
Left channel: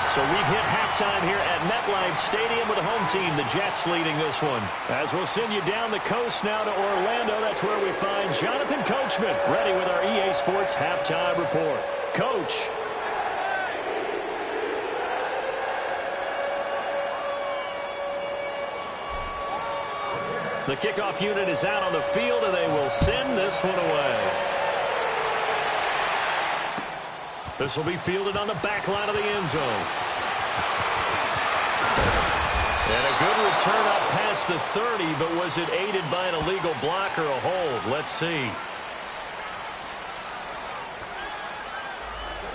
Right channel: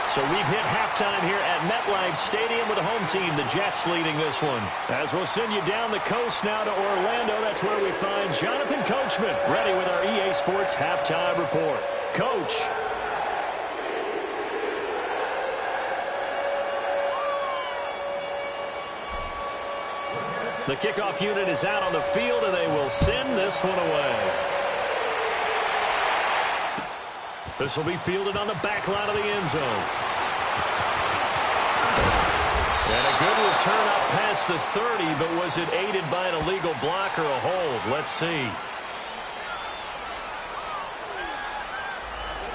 So we've hit halftime here at MetLife Stadium with the home team, the Jets, leading this one. As we'll send you down the coast now to Orlando, that's where we find Jonathan Coachman, ready with our EA Sports halftime report. Coach. The kickoff unit is out on the field, and they will send this one away. This will be fielded on the back line of the end zone. And a good return up past the 30, but was it aided by an illegal block or a hold? Let's see.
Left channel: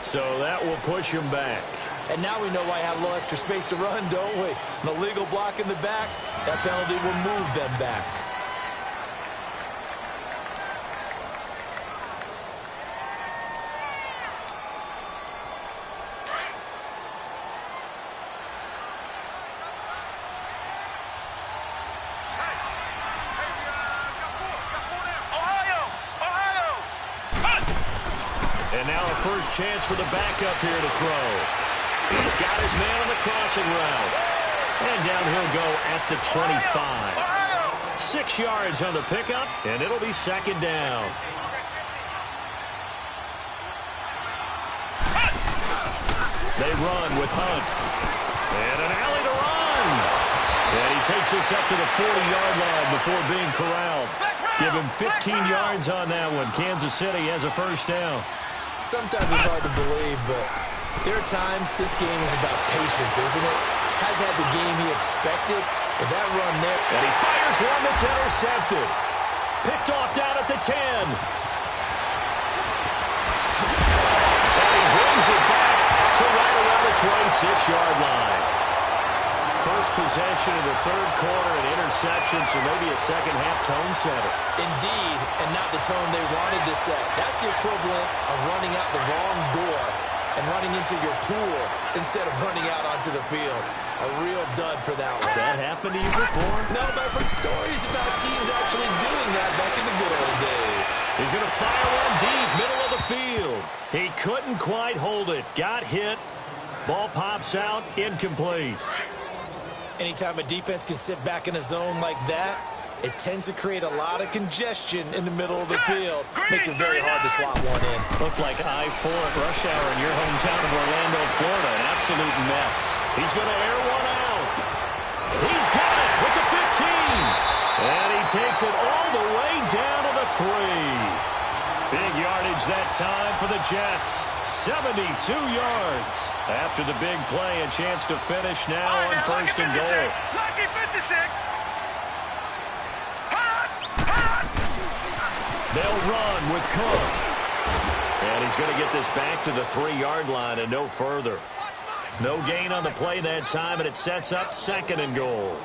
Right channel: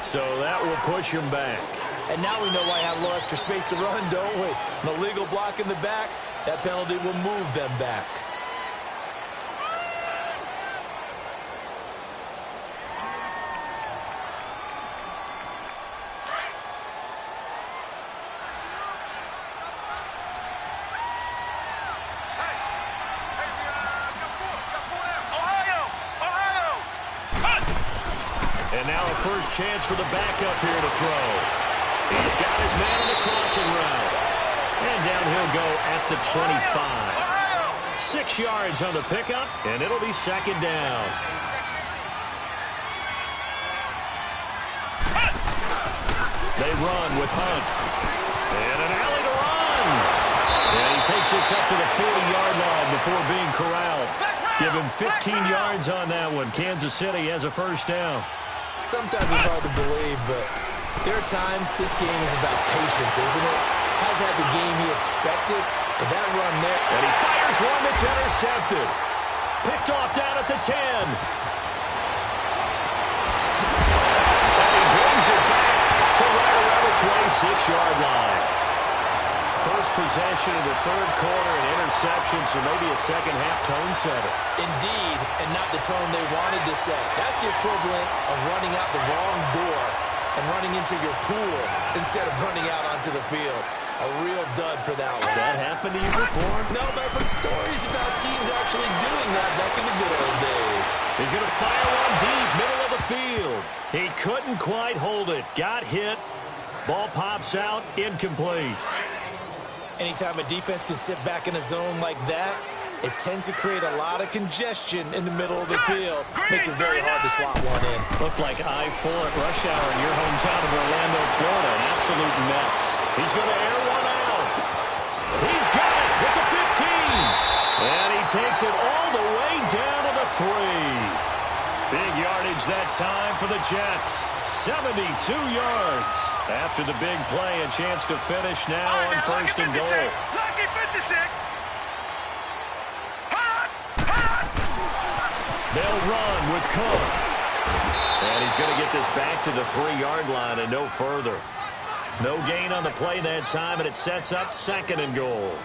So that will push him back. And now we know why I have a little extra space to run, don't we? An illegal block in the back, that penalty will move them back. And now a first chance for the backup here to throw. He's got his man on the crossing route. And down he'll go at the 25. 6 yards on the pickup, and it'll be 2nd down. They run with Hunt. And an alley to run. And he takes this up to the 40-yard line before being corralled. Give him 15 yards on that one. Kansas City has a first down. Sometimes it's hard to believe, but there are times this game is about patience, isn't it? Has had the game he expected, but that run there. And he fires one that's intercepted. Picked off down at the 10. And he brings it back to right around the 26-yard line. First possession of the 3rd quarter, an interception, so maybe a second-half tone setter. Indeed, and not the tone they wanted to set. That's the equivalent of running out the wrong door and running into your pool instead of running out onto the field. A real dud for that one. Has that happened to you before? No, but I've heard stories about teams actually doing that back in the good old days. He's going to fire one deep, middle of the field. He couldn't quite hold it. Got hit. Ball pops out, incomplete. Anytime a defense can sit back in a zone like that, it tends to create a lot of congestion in the middle of the field. Makes it very hard to slot one in. Looked like I-4 at rush hour in your hometown of Orlando, Florida. An absolute mess. He's going to air one out. He's got it with the 15. And he takes it all the way down to the 3. Big yardage that time for the Jets. 72 yards. After the big play, a chance to finish now on first and goal. Lucky 56. They'll run with Cook. And he's going to get this back to the 3-yard line and no further. No gain on the play that time, and it sets up second and goal.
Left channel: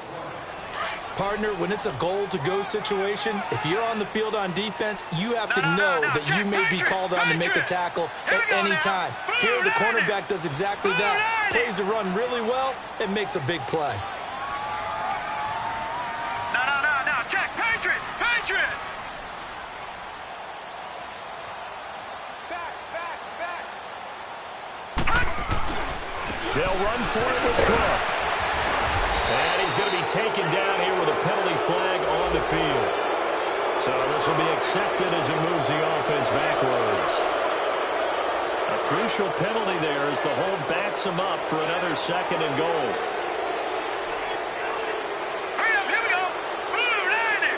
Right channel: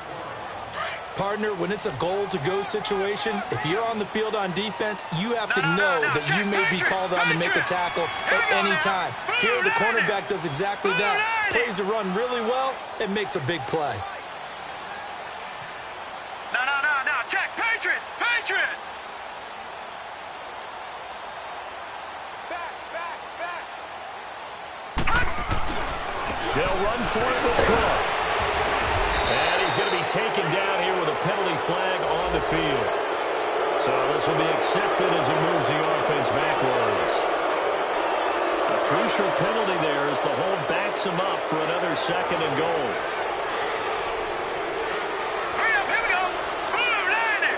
Partner, when it's a goal-to-go situation, if you're on the field on defense, you have to know that you may be called on to make a tackle at any time. Here, the cornerback does exactly that. Plays the run really well and makes a big play. No. Check. Patriot. They'll run for it with Cook. And he's going to be taken down here with a penalty flag on the field. So this will be accepted as he moves the offense backwards. A crucial penalty there as the hold backs him up for another second and goal. Hurry up, here we go. Blue 90.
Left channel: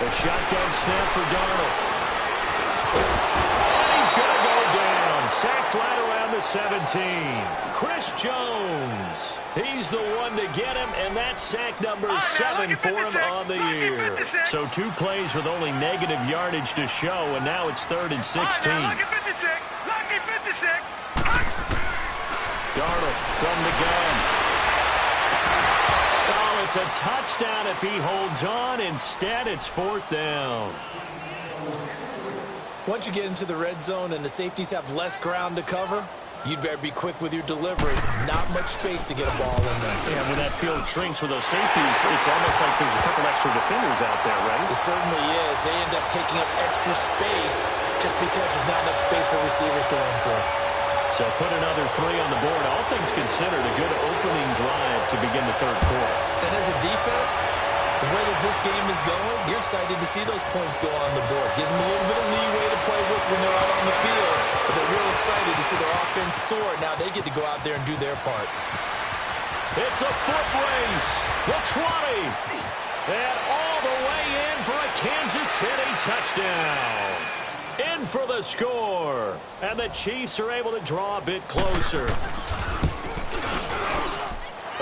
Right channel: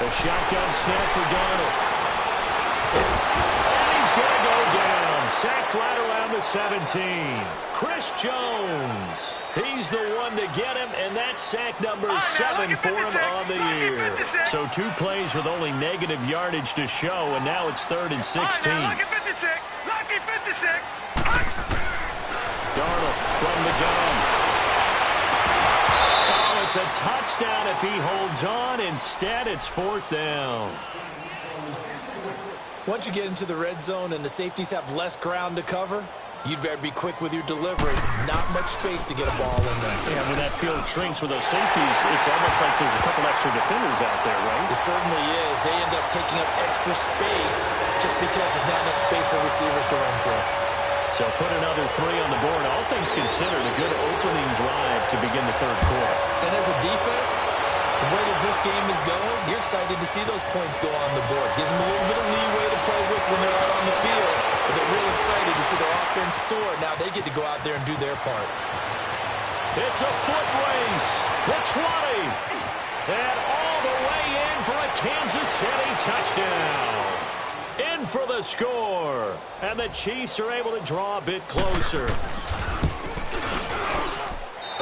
A shotgun snap for Darnold. And he's going to go down. Sacked right around the 17. Chris Jones. He's the one to get him, and that's sack number 7 for him on the year. So 2 plays with only negative yardage to show, and now it's 3rd and 16. Lucky 56. Darnold from the gun. Oh, it's a touchdown if he holds on. Instead, it's 4th down. Once you get into the red zone and the safeties have less ground to cover, you'd better be quick with your delivery. Not much space to get a ball in there. Yeah, when that field shrinks with those safeties, it's almost like there's a couple extra defenders out there, right? It certainly is. They end up taking up extra space just because there's not enough space for receivers to run through. So put another 3 on the board. All things considered, a good opening drive to begin the 3rd quarter. And as a defense, the way that this game is going, you're excited to see those points go on the board. Gives them a little bit of leeway to play with when they're out on the field, but they're real excited to see their offense score. Now they get to go out there and do their part. It's a foot race. The 20. And all the way in for a Kansas City touchdown. In for the score. And the Chiefs are able to draw a bit closer.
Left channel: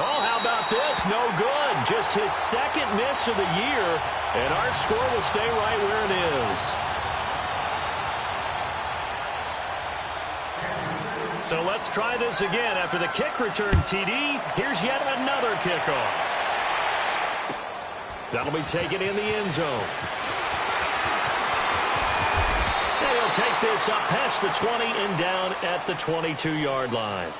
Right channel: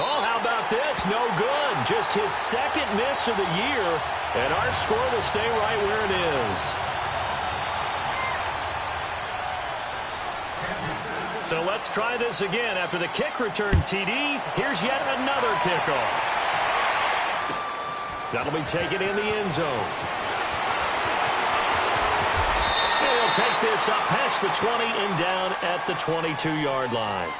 Oh, how about this? No good. Just his 2nd miss of the year. And our score will stay right where it is. So let's try this again. After the kick return TD, here's yet another kickoff. That'll be taken in the end zone. And he'll take this up past the 20 and down at the 22-yard line.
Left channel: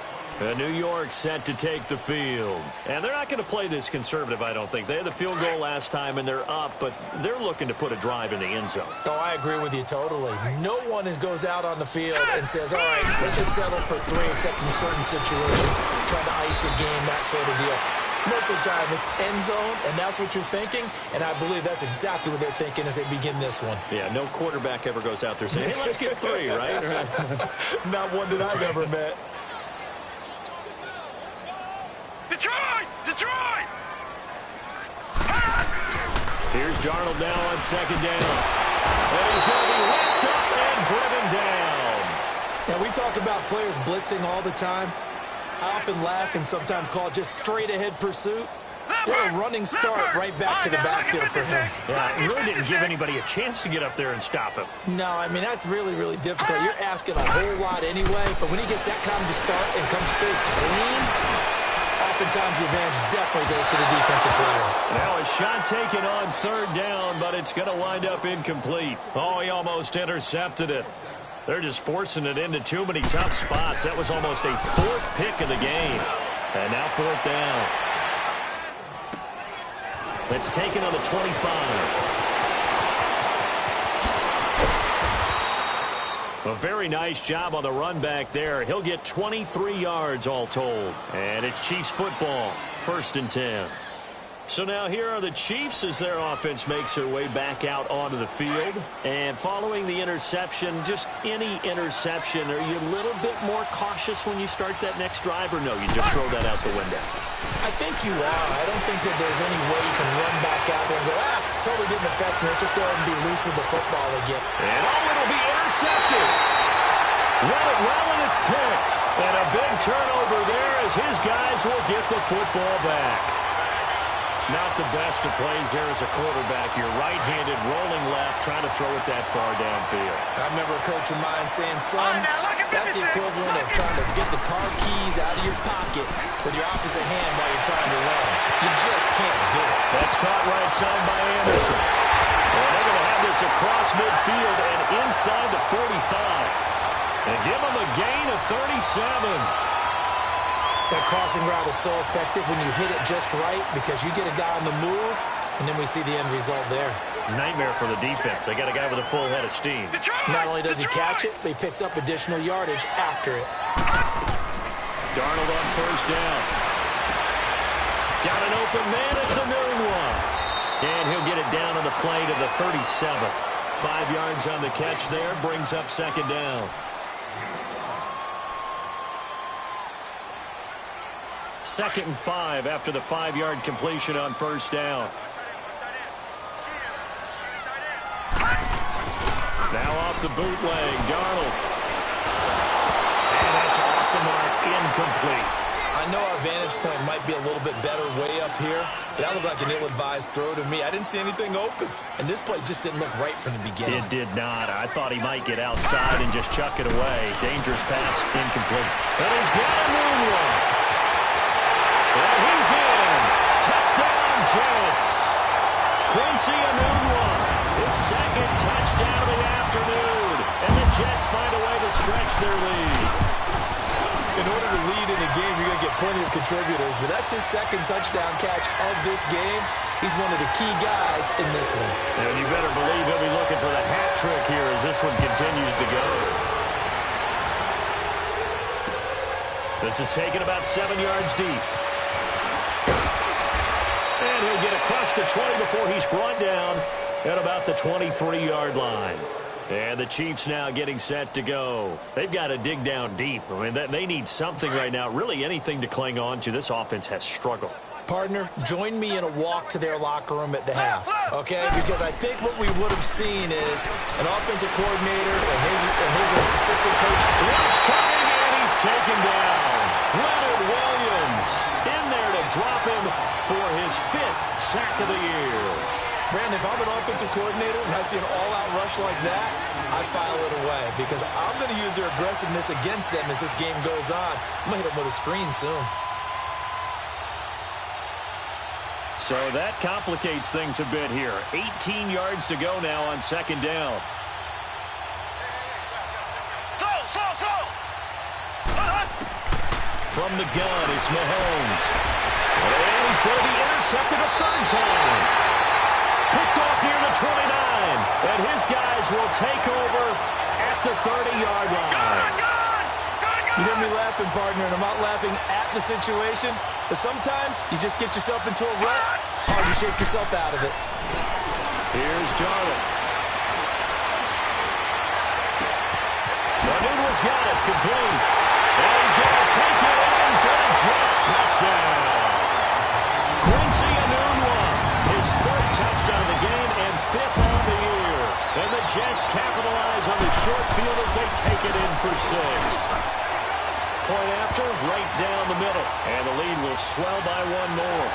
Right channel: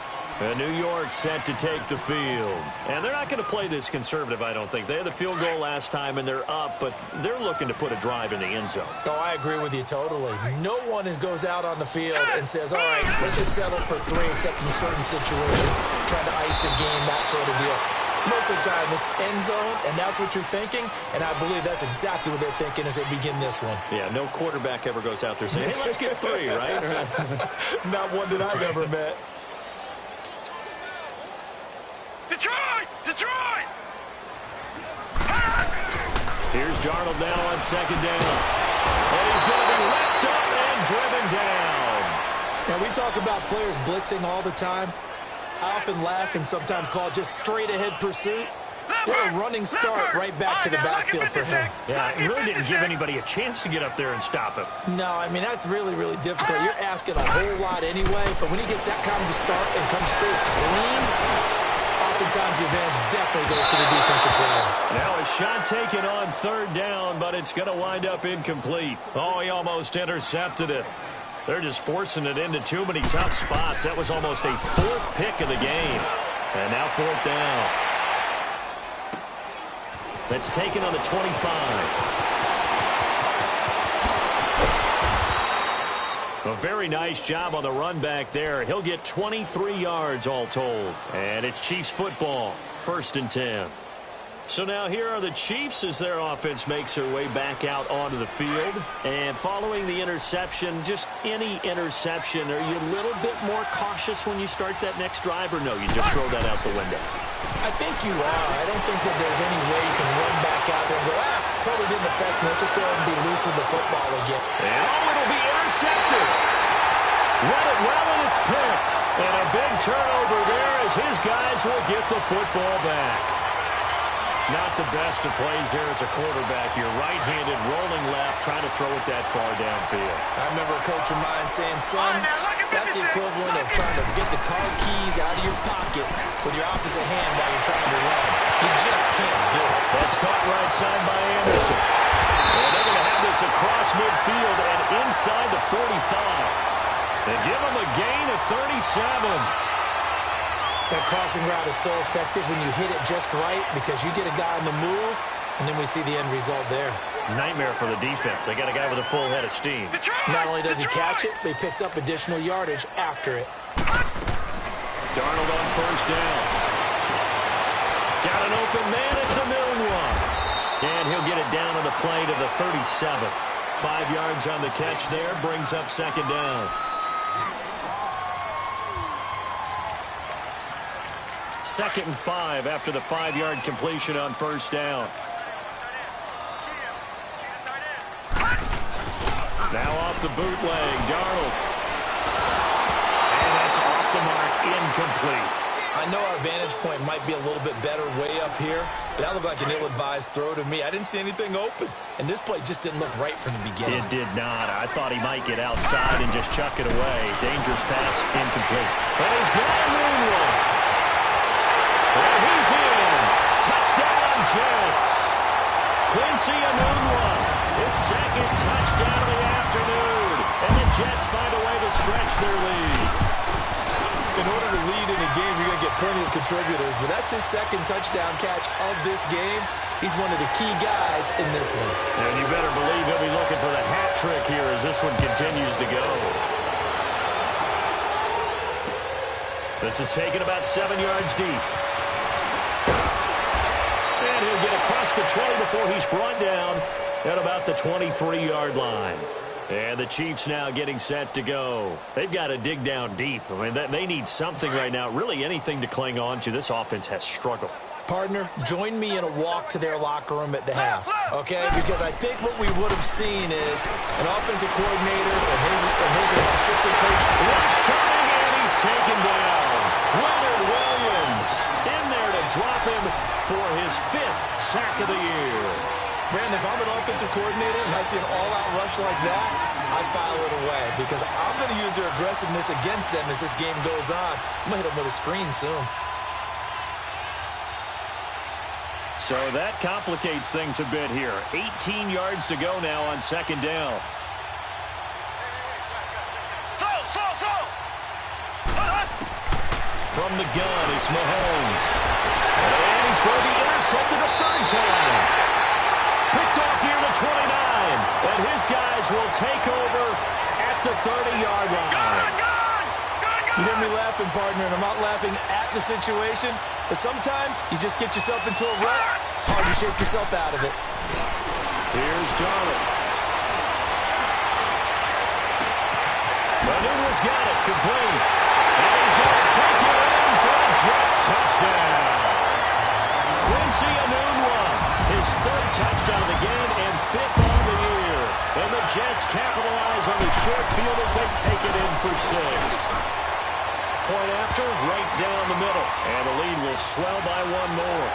New York set to take the field. And they're not going to play this conservative, I don't think. They had the field goal last time, and they're up, but they're looking to put a drive in the end zone. Oh, I agree with you totally. No one goes out on the field and says, all right, let's just settle for 3, except in certain situations, trying to ice a game, that sort of deal. Most of the time, it's end zone, and that's what you're thinking, and I believe that's exactly what they're thinking as they begin this one. Yeah, no quarterback ever goes out there saying, hey, let's get 3, right? Not one that I've ever met. Detroit! Here's Darnold now on 2nd down. And he's going to be wrapped up and driven down. Now, we talk about players blitzing all the time. I often laugh and sometimes call it just straight-ahead pursuit. What a running start right back to the backfield for him. Yeah, it really didn't give anybody a chance to get up there and stop him. No, I mean, that's really, really difficult. You're asking a whole lot anyway, but when he gets that kind of a start and comes through clean, oftentimes the advantage definitely goes to the defensive player. Now a shot taken on 3rd down, but it's going to wind up incomplete. Oh, he almost intercepted it. They're just forcing it into too many tough spots. That was almost a 4th pick of the game. And now 4th down. That's taken on the 25. A very nice job on the run back there. He'll get 23 yards all told. And it's Chiefs football, 1st and 10. So now here are the Chiefs as their offense makes their way back out onto the field. And following the interception, just any interception, are you a little bit more cautious when you start that next drive, or no, you just throw that out the window? I think you are. I don't think that there's any way you can run back out there and go, totally didn't affect me. Let's just go ahead and be loose with the football again. And it'll be intercepted. Read it well, and it's picked. And a big turnover there as his guys will get the football back. Not the best of plays there as a quarterback. You're right-handed, rolling left, trying to throw it that far downfield. I remember a coach of mine saying, son, that's the equivalent of trying to get the car keys out of your pocket with your opposite hand while you're trying to run. You just can't do it. That's caught right side by Anderson. And they're going to have this across midfield and inside the 45. They give them a gain of 37. That crossing route is so effective when you hit it just right because you get a guy on the move, and then we see the end result there. Nightmare for the defense. They got a guy with a full head of steam. Not only does he catch it, but he picks up additional yardage after it. Darnold on first down. Got an open man. It's a noon one. And he'll get it down on the play to the 37. 5 yards on the catch there. Brings up second down. Second and 5 after the 5-yard completion on first down. Now off the bootleg, Darnold. And that's off the mark, incomplete. I know our vantage point might be a little bit better way up here, but that looked like an ill-advised throw to me. I didn't see anything open, and this play just didn't look right from the beginning. It did not. I thought he might get outside and just chuck it away. Dangerous pass, incomplete. But he's got a moonwalk. And he's in. Touchdown, Jets. Quincy Enunwa, his second touchdown of the afternoon. And the Jets find a way to stretch their lead. In order to lead in a game, you're going to get plenty of contributors, but that's his second touchdown catch of this game. He's one of the key guys in this one. And you better believe he'll be looking for the hat trick here as this one continues to go. This is taken about 7 yards deep. And he'll get across the 20 before he's brought down at about the 23-yard line. And the Chiefs now getting set to go. They've got to dig down deep. I mean, they need something right now, really anything to cling on to. This offense has struggled. Partner, join me in a walk to their locker room at the half, okay? Because I think what we would have seen is an offensive coordinator and his assistant coach. Rush coming, and he's taken down. Leonard Williams in there to drop him for his 5th sack of the year. Brandon, if I'm an offensive coordinator and I see an all-out rush like that, I file it away because I'm going to use their aggressiveness against them as this game goes on. I'm going to hit them with a screen soon. So that complicates things a bit here. 18 yards to go now on second down. From the gun, it's Mahomes. And he's going to be intercepted a third time. Picked off near the 29. And his guys will take over at the 30-yard line. You hear me laughing, partner, and I'm not laughing at the situation. But sometimes you just get yourself into a rut. It's hard to shake yourself out of it. Here's Darnold. Enunwa's got it, complete. And he's going to take it in for a Jets touchdown. Quincy Enunwa, his 3rd touchdown of the game and 5th on the year. And the Jets capitalize on the short field as they take it in for 6. Point after, right down the middle. And the lead will swell by 1 more.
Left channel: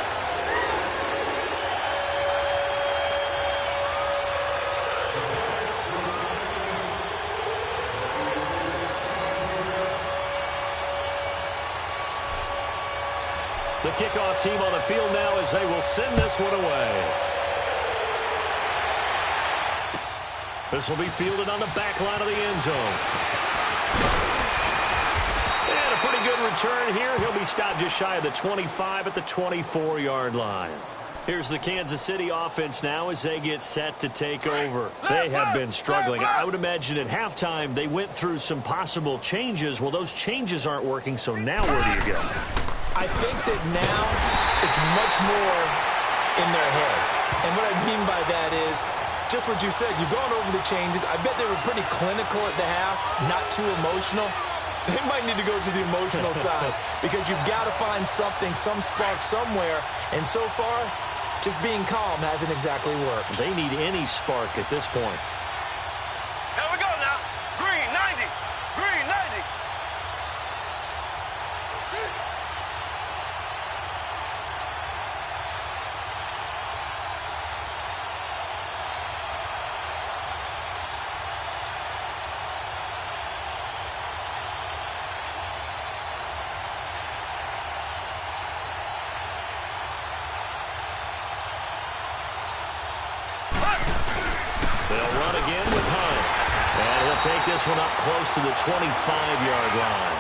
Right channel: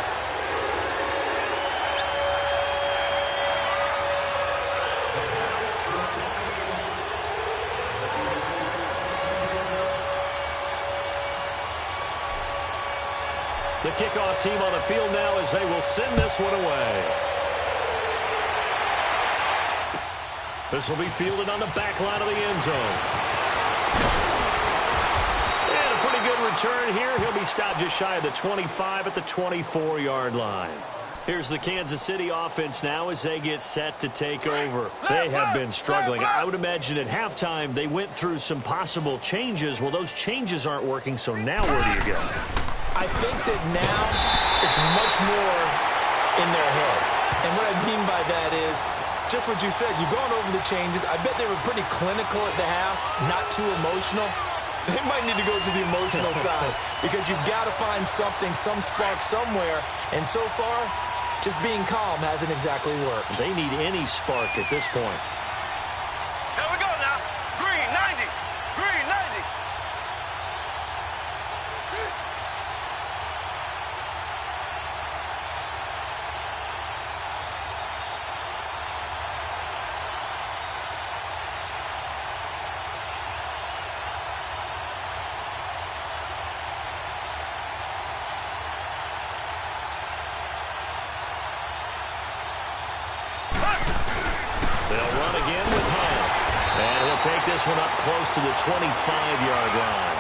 The kickoff team on the field now as they will send this one away. This will be fielded on the back line of the end zone. And a pretty good return here. He'll be stopped just shy of the 25 at the 24-yard line. Here's the Kansas City offense now as they get set to take over. They have been struggling. I would imagine at halftime they went through some possible changes. Well, those changes aren't working, so now where do you go? I think that now it's much more in their head. And what I mean by that is just what you said. You've gone over the changes. I bet they were pretty clinical at the half, not too emotional. They might need to go to the emotional side because you've got to find something, some spark somewhere. And so far, just being calm hasn't exactly worked. They need any spark at this point. Here we go now. Green, 90. Green, 90. They'll run again with Hunt. And he'll take this one up close to the 25-yard line.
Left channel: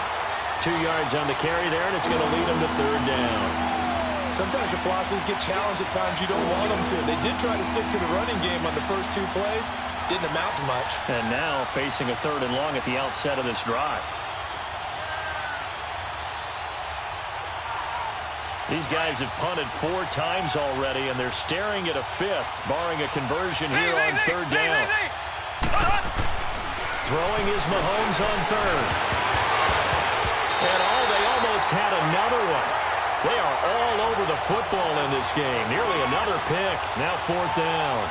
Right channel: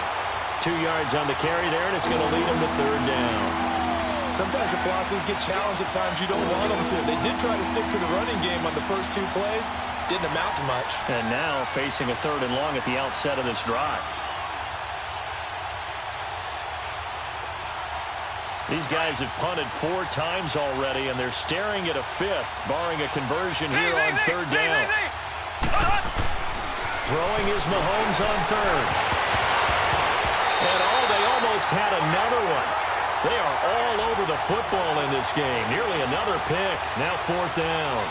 2 yards on the carry there, and it's going to lead him to third down. Sometimes your philosophies get challenged at times you don't want them to. They did try to stick to the running game on the first 2 plays. Didn't amount to much. And now facing a 3rd and long at the outset of this drive. These guys have punted 4 times already, and they're staring at a 5th, barring a conversion here on 3rd down. Throwing is Mahomes on 3rd. And they almost had another one. They are all over the football in this game. Nearly another pick. Now 4th down.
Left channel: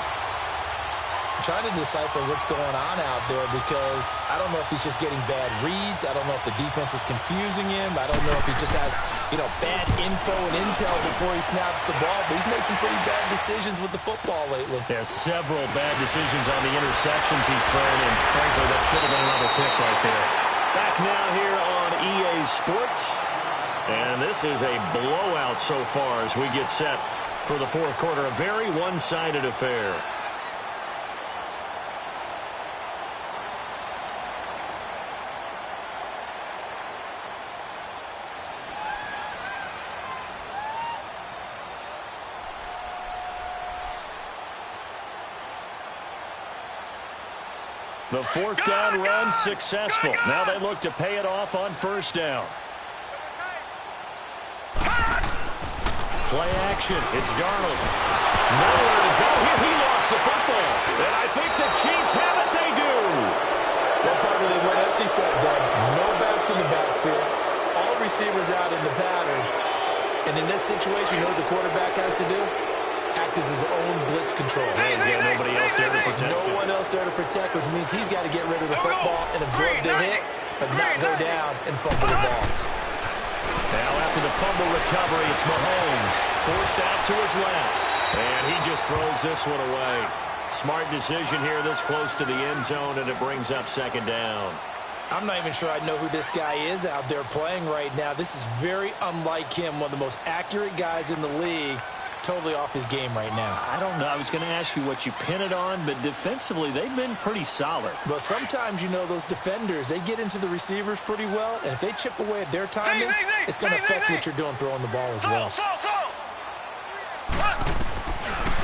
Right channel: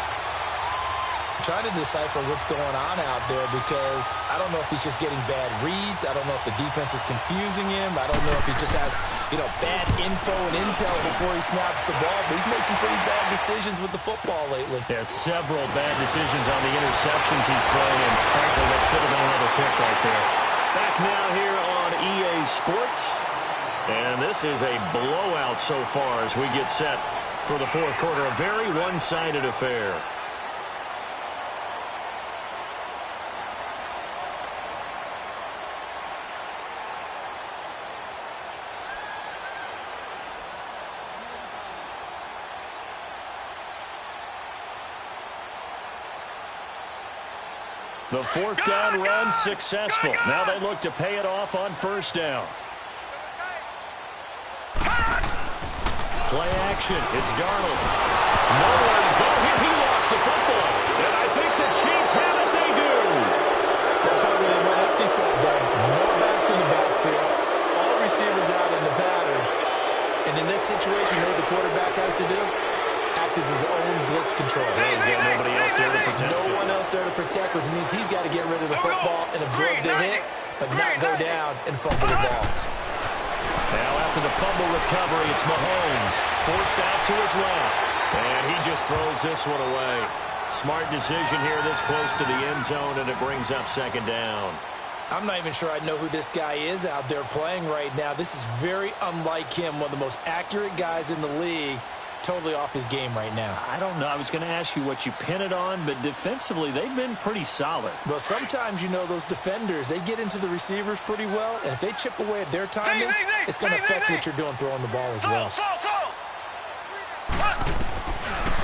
I'm trying to decipher what's going on out there because I don't know if he's just getting bad reads. I don't know if the defense is confusing him. I don't know if he just has, bad info and intel before he snaps the ball. But he's made some pretty bad decisions with the football lately. Yeah, several bad decisions on the interceptions he's thrown, and frankly, that should have been another pick right there. Back now here on EA Sports. And this is a blowout so far as we get set for the 4th quarter. A very one-sided affair. The 4th down run successful. Now they look to pay it off on 1st down. Play action. It's Darnold. Nowhere to go here. He lost the football. And I think the Chiefs have it. They do. Well, Parker, they went empty set there. No backs in the backfield. All receivers out in the pattern. And in this situation, you know what the quarterback has to do? Act as his own blitz control. He's got nobody else there to protect him. No one else there to protect, which means he's got to get rid of the football and absorb the hit, but not go down and fumble the ball. Now after the fumble recovery, it's Mahomes. Forced out to his left. And he just throws this one away. Smart decision here this close to the end zone, and it brings up 2nd down. I'm not even sure I know who this guy is out there playing right now. This is very unlike him, one of the most accurate guys in the league. Totally off his game right now. I don't know. I was going to ask you what you pin it on, but defensively, they've been pretty solid. Well, sometimes, those defenders, they get into the receivers pretty well, and if they chip away at their timing, it's going to affect what you're doing throwing the ball as well.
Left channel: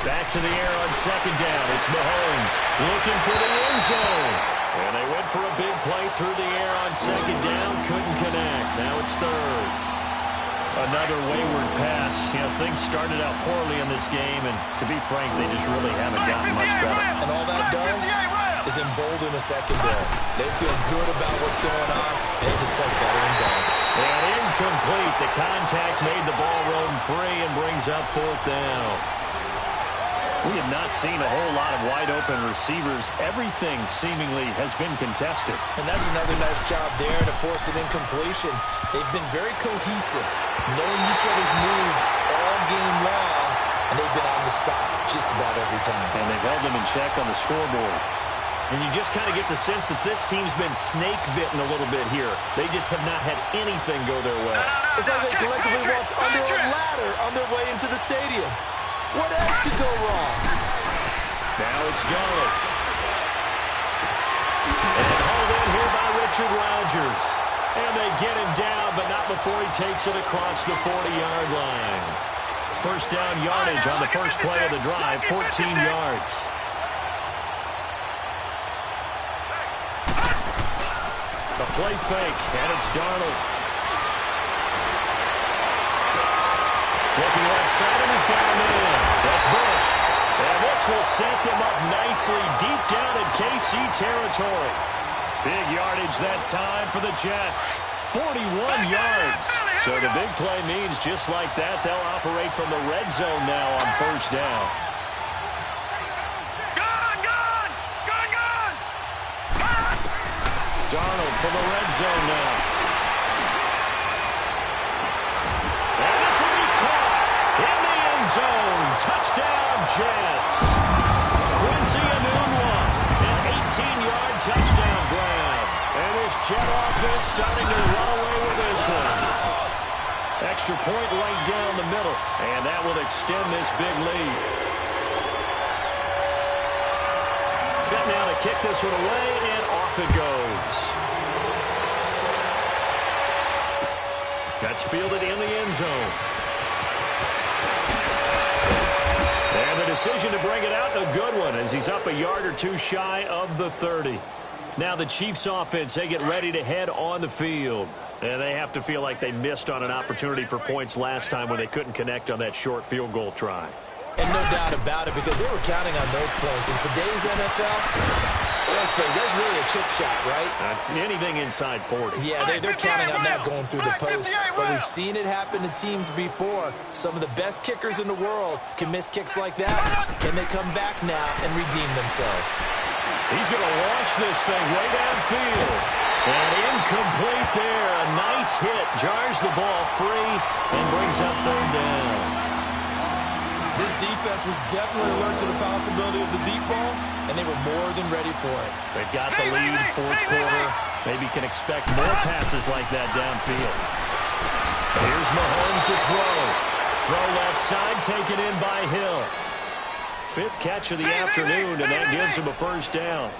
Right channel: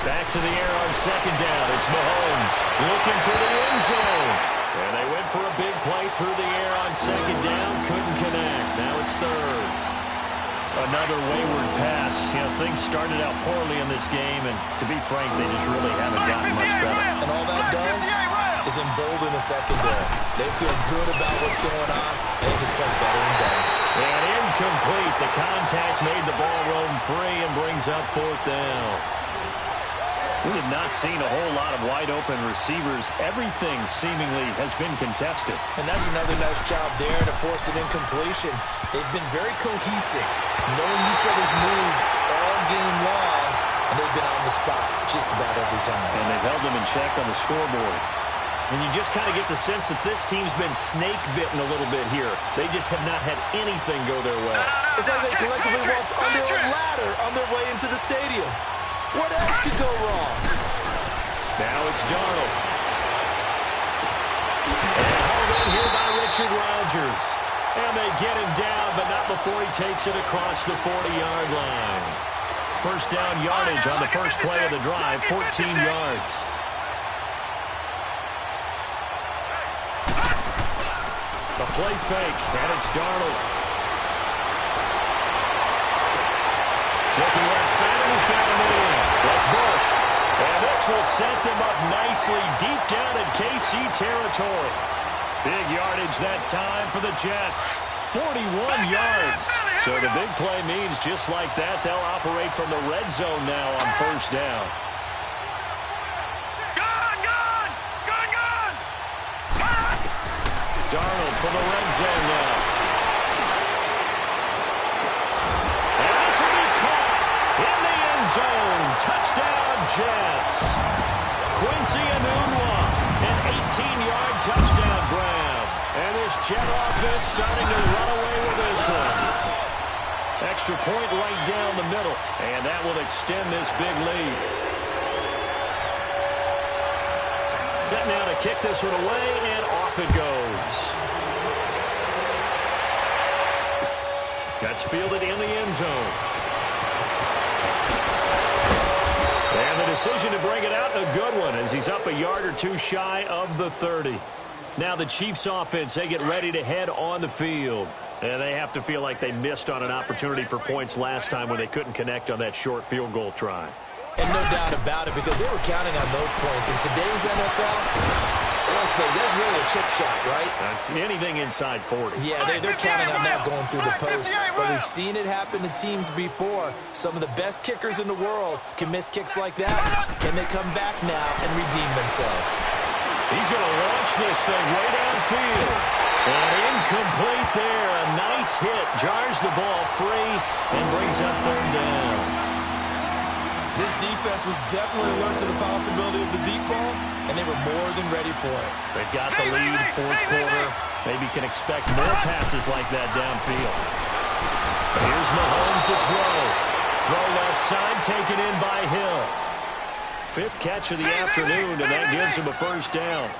Back to the air on 2nd down. It's Mahomes looking for the end zone. And they went for a big play through the air on 2nd down. Couldn't connect. Now it's 3rd. Another wayward pass. Things started out poorly in this game, and to be frank, they just really haven't gotten much better. And all that does is embolden a secondary. They feel good about what's going on, and they just play better and better. And incomplete. The contact made the ball roam free and brings up 4th down. We have not seen a whole lot of wide-open receivers. Everything seemingly has been contested. And that's another nice job there to force an incompletion. They've been very cohesive, knowing each other's moves all game long, and they've been on the spot just about every time. And they've held them in check on the scoreboard. And you just kind of get the sense that this team's been snake-bitten a little bit here. They just have not had anything go their way. It's like they collectively walked under a ladder on their way into the stadium. What else could go wrong? Now it's Darnold. And hauled in here by Richard Rodgers. And they get him down, but not before he takes it across the 40-yard line. 1st down yardage on the first play of the drive, 14 yards. The play fake, and it's Darnold. Looking left side, and he's got a man. That's Bush. And this will set them up nicely deep down in KC territory. Big yardage that time for the Jets. 41 yards. So the big play means just like that, they'll operate from the red zone now on first down. Darnold from the red zone now. And this will be caught in the end zone. Touchdown, Jets. Quincy Enunwa, an 18-yard touchdown grab. And this Jet offense starting to run away with this one. Extra point right down the middle. And that will extend this big lead. Set now to kick this one away, and off it goes. That's fielded in the end zone. And the decision to bring it out, a good one, as he's up a yard or two shy of the 30. Now the Chiefs offense, they get ready to head on the field. And they have to feel like they missed on an opportunity for points last time when they couldn't connect on that short field goal try. And no doubt about it, because they were counting on those points. In today's NFL, let's face it, that's really a chip shot, right? That's anything inside 40. Yeah, they're counting on that going through the post. But we've seen it happen to teams before. Some of the best kickers in the world can miss kicks like that. Can they come back now and redeem themselves? He's going to launch this thing way downfield. And incomplete there. A nice hit. Jars the ball free and brings up third down. This defense was definitely alert to the possibility of the deep ball, and they were more than ready for it. They've got the lead, fourth quarter. Maybe can expect more passes like that downfield. Here's Mahomes to throw. Throw left side, taken in by Hill. Fifth catch of the afternoon, and that gives him a first down.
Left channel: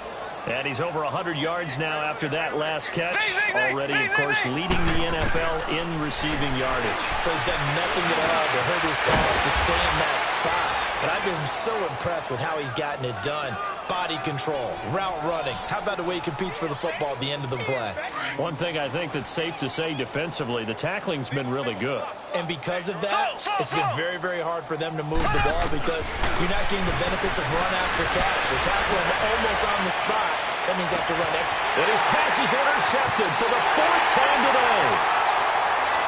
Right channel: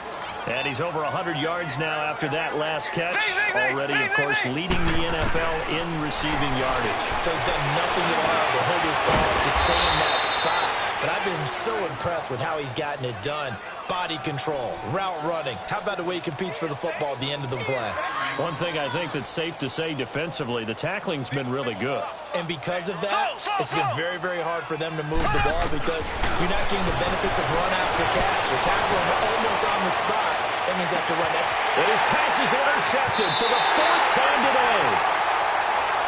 And he's over 100 yards now after that last catch. Already, of course, leading the NFL in receiving yardage. So he's done nothing at all to hurt his cause to stay in that spot. But I've been so impressed with how he's gotten it done. Body control, route running. How about the way he competes for the football at the end of the play? One thing I think that's safe to say defensively, the tackling's been really good. And because of that, it's been very, very hard for them to move the ball because you're not getting the benefits of run after catch. You're tackling almost on the spot. That means you have to run extra. And his pass is intercepted for the fourth time today.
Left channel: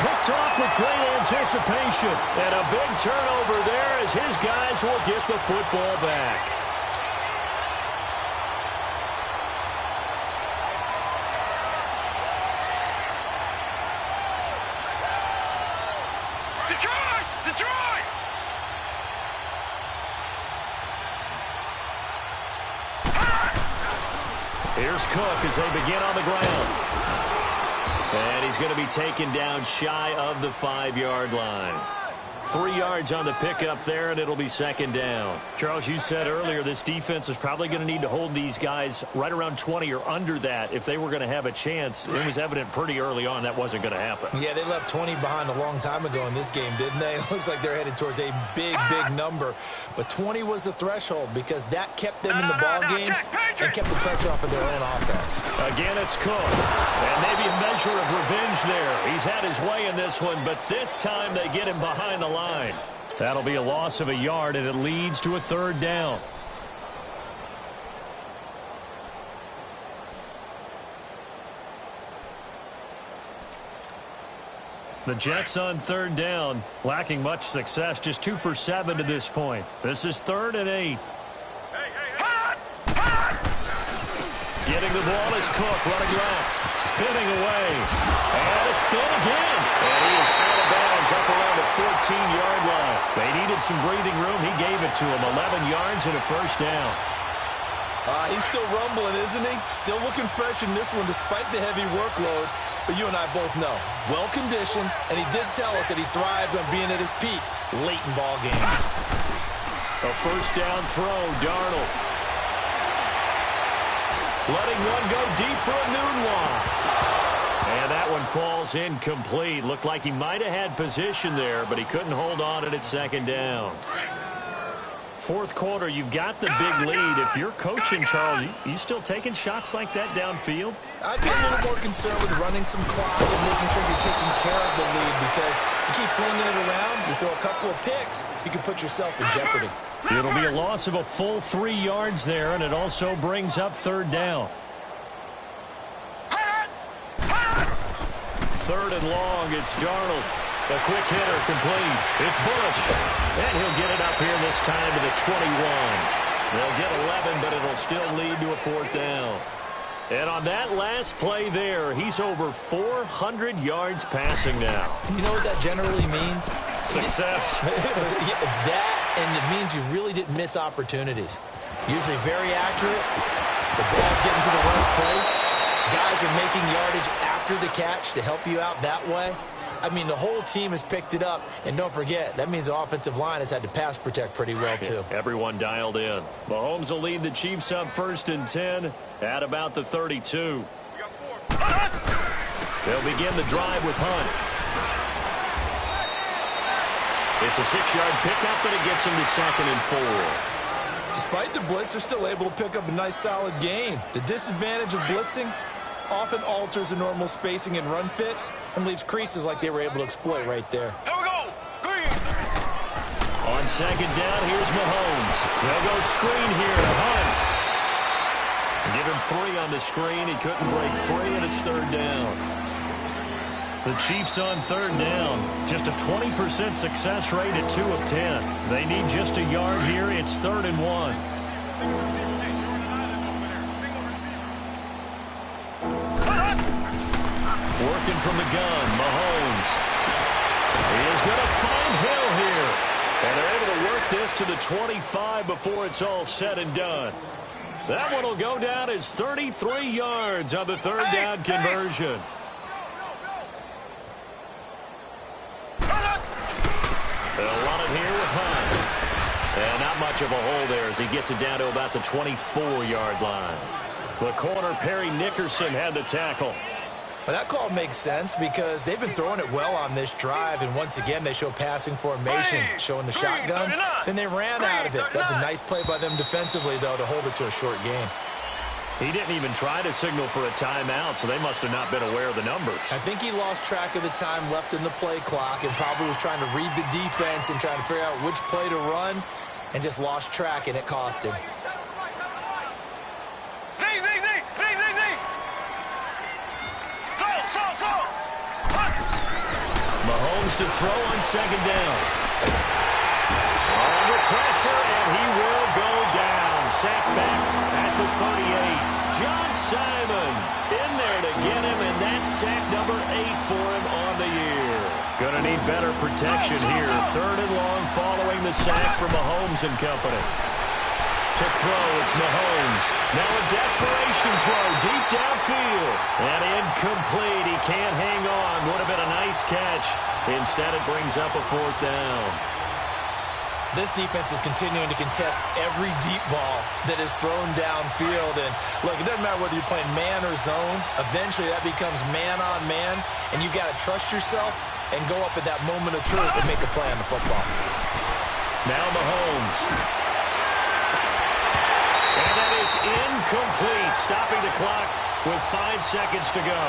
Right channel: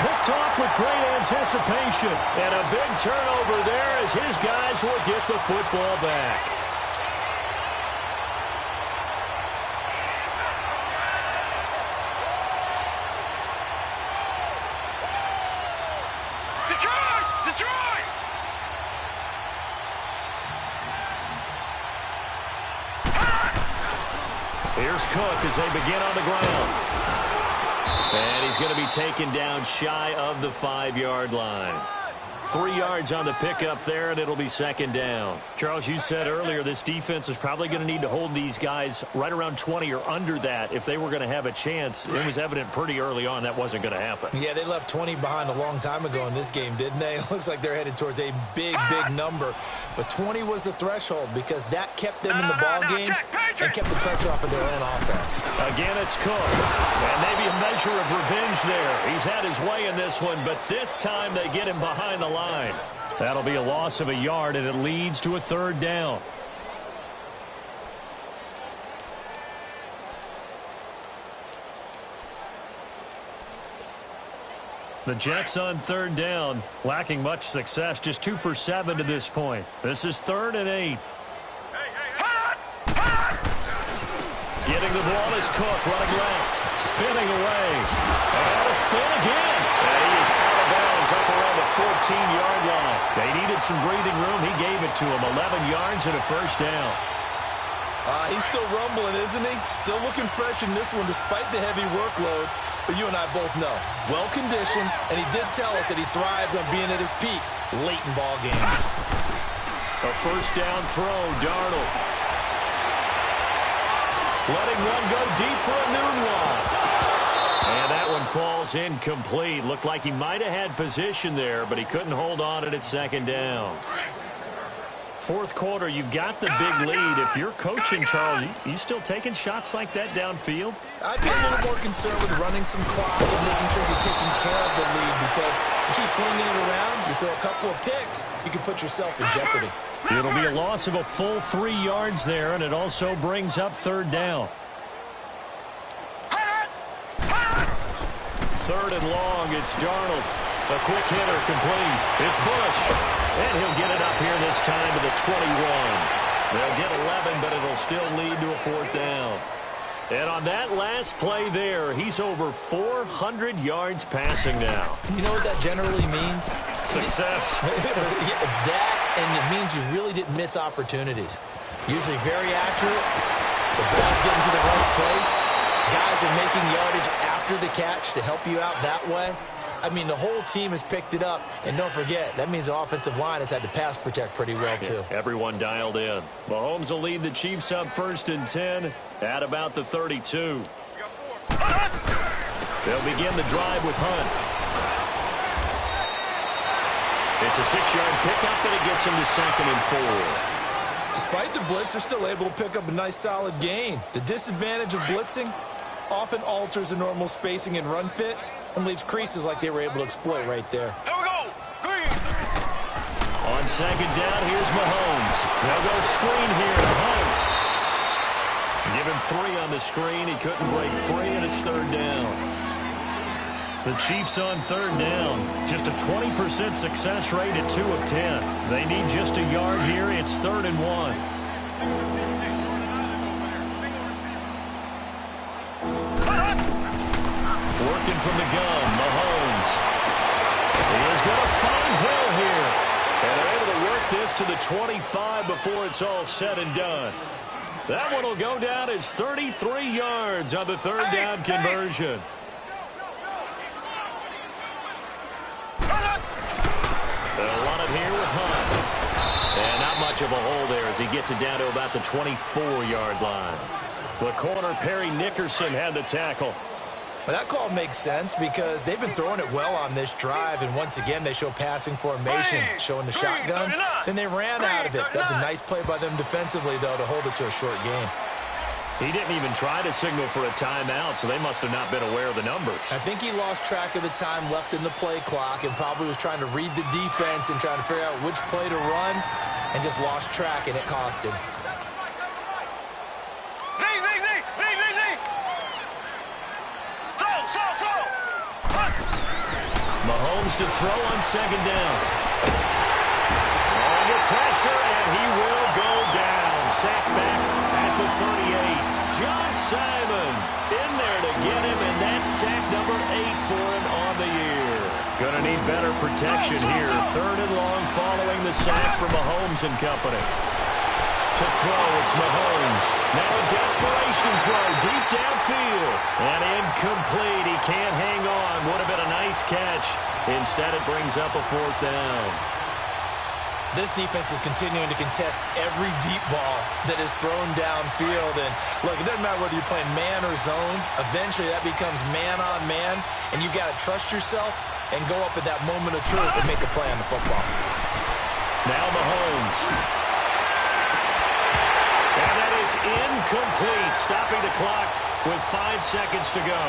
Picked off with great anticipation. And a big turnover there as his guys will get the football back. Detroit! Here's Cook as they begin on the ground. And he's going to be taken down shy of the 5-yard line. 3 yards on the pickup there, and it'll be second down. Charles, you said earlier this defense is probably going to need to hold these guys right around 20 or under that if they were going to have a chance. It was evident pretty early on that wasn't going to happen. Yeah, they left 20 behind a long time ago in this game, didn't they? It looks like they're headed towards a big, big number. But 20 was the threshold because that kept them in the ball game and kept the pressure off of their own offense. Again, it's Cook. And maybe a measure of revenge there. He's had his way in this one, but this time they get him behind the line. That'll be a loss of a yard, and it leads to a third down. The Jets on third down, lacking much success, just 2 for 7 to this point. This is 3rd and 8. Getting the ball is Cook, running left, spinning away, and a spin again. And he is out of bounds up around the 14-yard line. They needed some breathing room. He gave it to him, 11 yards and a first down. He's still rumbling, isn't he? Still looking fresh in this one despite the heavy workload. But you and I both know, well-conditioned, and he did tell us that he thrives on being at his peak late in ball games. A first down throw, Darnold. Letting one go deep for Enunwa. And that one falls incomplete. Looked like he might have had position there, but he couldn't hold on it at second down. fourth quarter, you've got the big lead. If you're coaching, Charles, you still taking shots like that downfield? I'd be a little more concerned with running some clock and making sure you're taking care of the lead, because you keep flinging it around, you throw a couple of picks, you can put yourself in jeopardy. It'll be a loss of a full 3 yards there, and it also brings up third down. Third and long, it's Darnold. A quick hitter complete. It's Bush. And he'll get it up here this time to the 21. They'll get 11, but it'll still lead to a fourth down. And on that last play there, he's over 400 yards passing now. You know what that generally means? Success. That, and it means you really didn't miss opportunities. Usually very accurate. The ball's getting to the right place. Guys are making yardage after the catch to help you out that way. I mean, the whole team has picked it up. And don't forget, that means the offensive line has had to pass protect pretty well, too. Everyone dialed in. Mahomes will lead the Chiefs up 1st and 10 at about the 32. They'll begin the drive with Hunt. It's a 6-yard pickup, but it gets him to 2nd and 4. Despite the blitz, they're still able to pick up a nice, solid gain. The disadvantage of blitzing often alters the normal spacing and run fits and leaves creases like they were able to exploit right there. Here we go. Green. On 2nd down, here's Mahomes. They'll go screen here to Hunt. Give him 3 on the screen. He couldn't break free, and it's 3rd down. The Chiefs on 3rd down. Just a 20% success rate at 2 of 10. They need just a yard here. It's 3rd and 1. Working from the gun, Mahomes. He is going to find Hill here. And they're able to work this to the 25 before it's all said and done. That one will go down as 33 yards on the 3rd down conversion. They'll run it here with Hunt. And not much of a hole there as he gets it down to about the 24-yard line. The corner, Perry Nickerson, had the tackle. Well, that call makes sense because they've been throwing it well on this drive, and once again they show passing formation, showing the shotgun. Then they ran out of it. That's a nice play by them defensively, though, to hold it to a short gain. He didn't even try to signal for a timeout, so they must have not been aware of the numbers. I think he lost track of the time left in the play clock and probably was trying to read the defense and trying to figure out which play to run and just lost track, and it cost him. Mahomes to throw on 2nd down. Under pressure, and he will go down. Sack back at the 38. John Simon in there to get him, and that's sack number 8 for him on the year. Gonna need better protection here. 3rd and long following the sack from Mahomes and company. To throw, it's Mahomes. Now a desperation throw deep downfield. And incomplete. He can't hang on. Would have been a nice catch. Instead, it brings up a 4th down. This defense is continuing to contest every deep ball that is thrown downfield. And look, it doesn't matter whether you're playing man or zone. Eventually, that becomes man on man. And you've got to trust yourself and go up at that moment of truth and make a play on the football. Now Mahomes. And that is incomplete, stopping the clock with 5 seconds to go.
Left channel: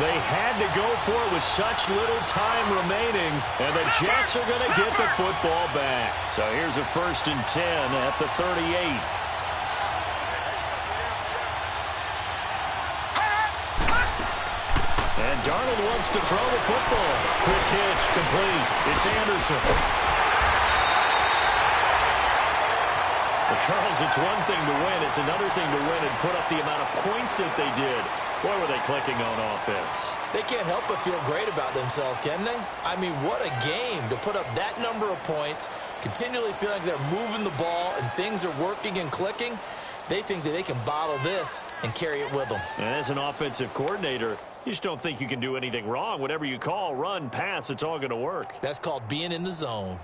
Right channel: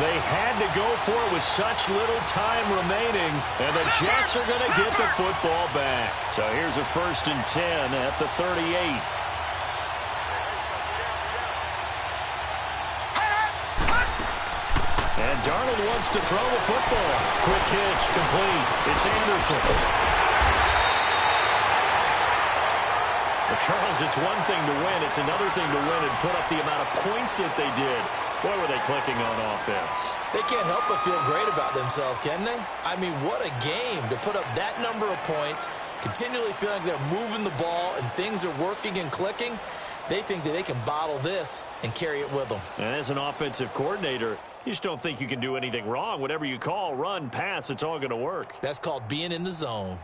They had to go for it with such little time remaining, and the Jets are going to get the football back. So here's a 1st and 10 at the 38. And Darnold wants to throw the football. Quick hitch, complete. It's Anderson. But Charles, it's one thing to win. It's another thing to win and put up the amount of points that they did. Boy, were they clicking on offense. They can't help but feel great about themselves, can they? I mean, what a game to put up that number of points, continually feeling like they're moving the ball and things are working and clicking. They think that they can bottle this and carry it with them. And as an offensive coordinator, you just don't think you can do anything wrong. Whatever you call, run, pass, it's all going to work. That's called being in the zone.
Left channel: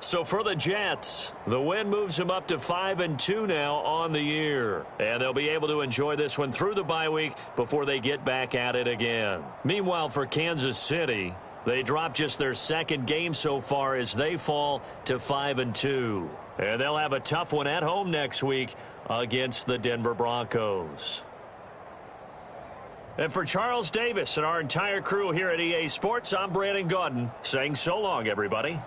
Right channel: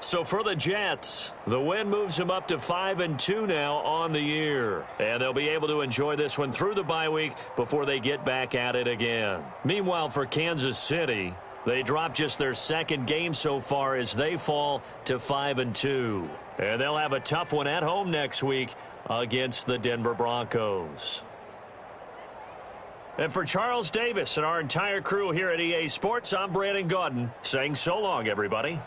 So for the Jets, the win moves them up to 5-2 now on the year. And they'll be able to enjoy this one through the bye week before they get back at it again. Meanwhile, for Kansas City, They dropped just their second game so far as they fall to 5-2. And they'll have a tough one at home next week against the Denver Broncos. And for Charles Davis and our entire crew here at EA Sports, I'm Brandon Gaudin saying so long, everybody.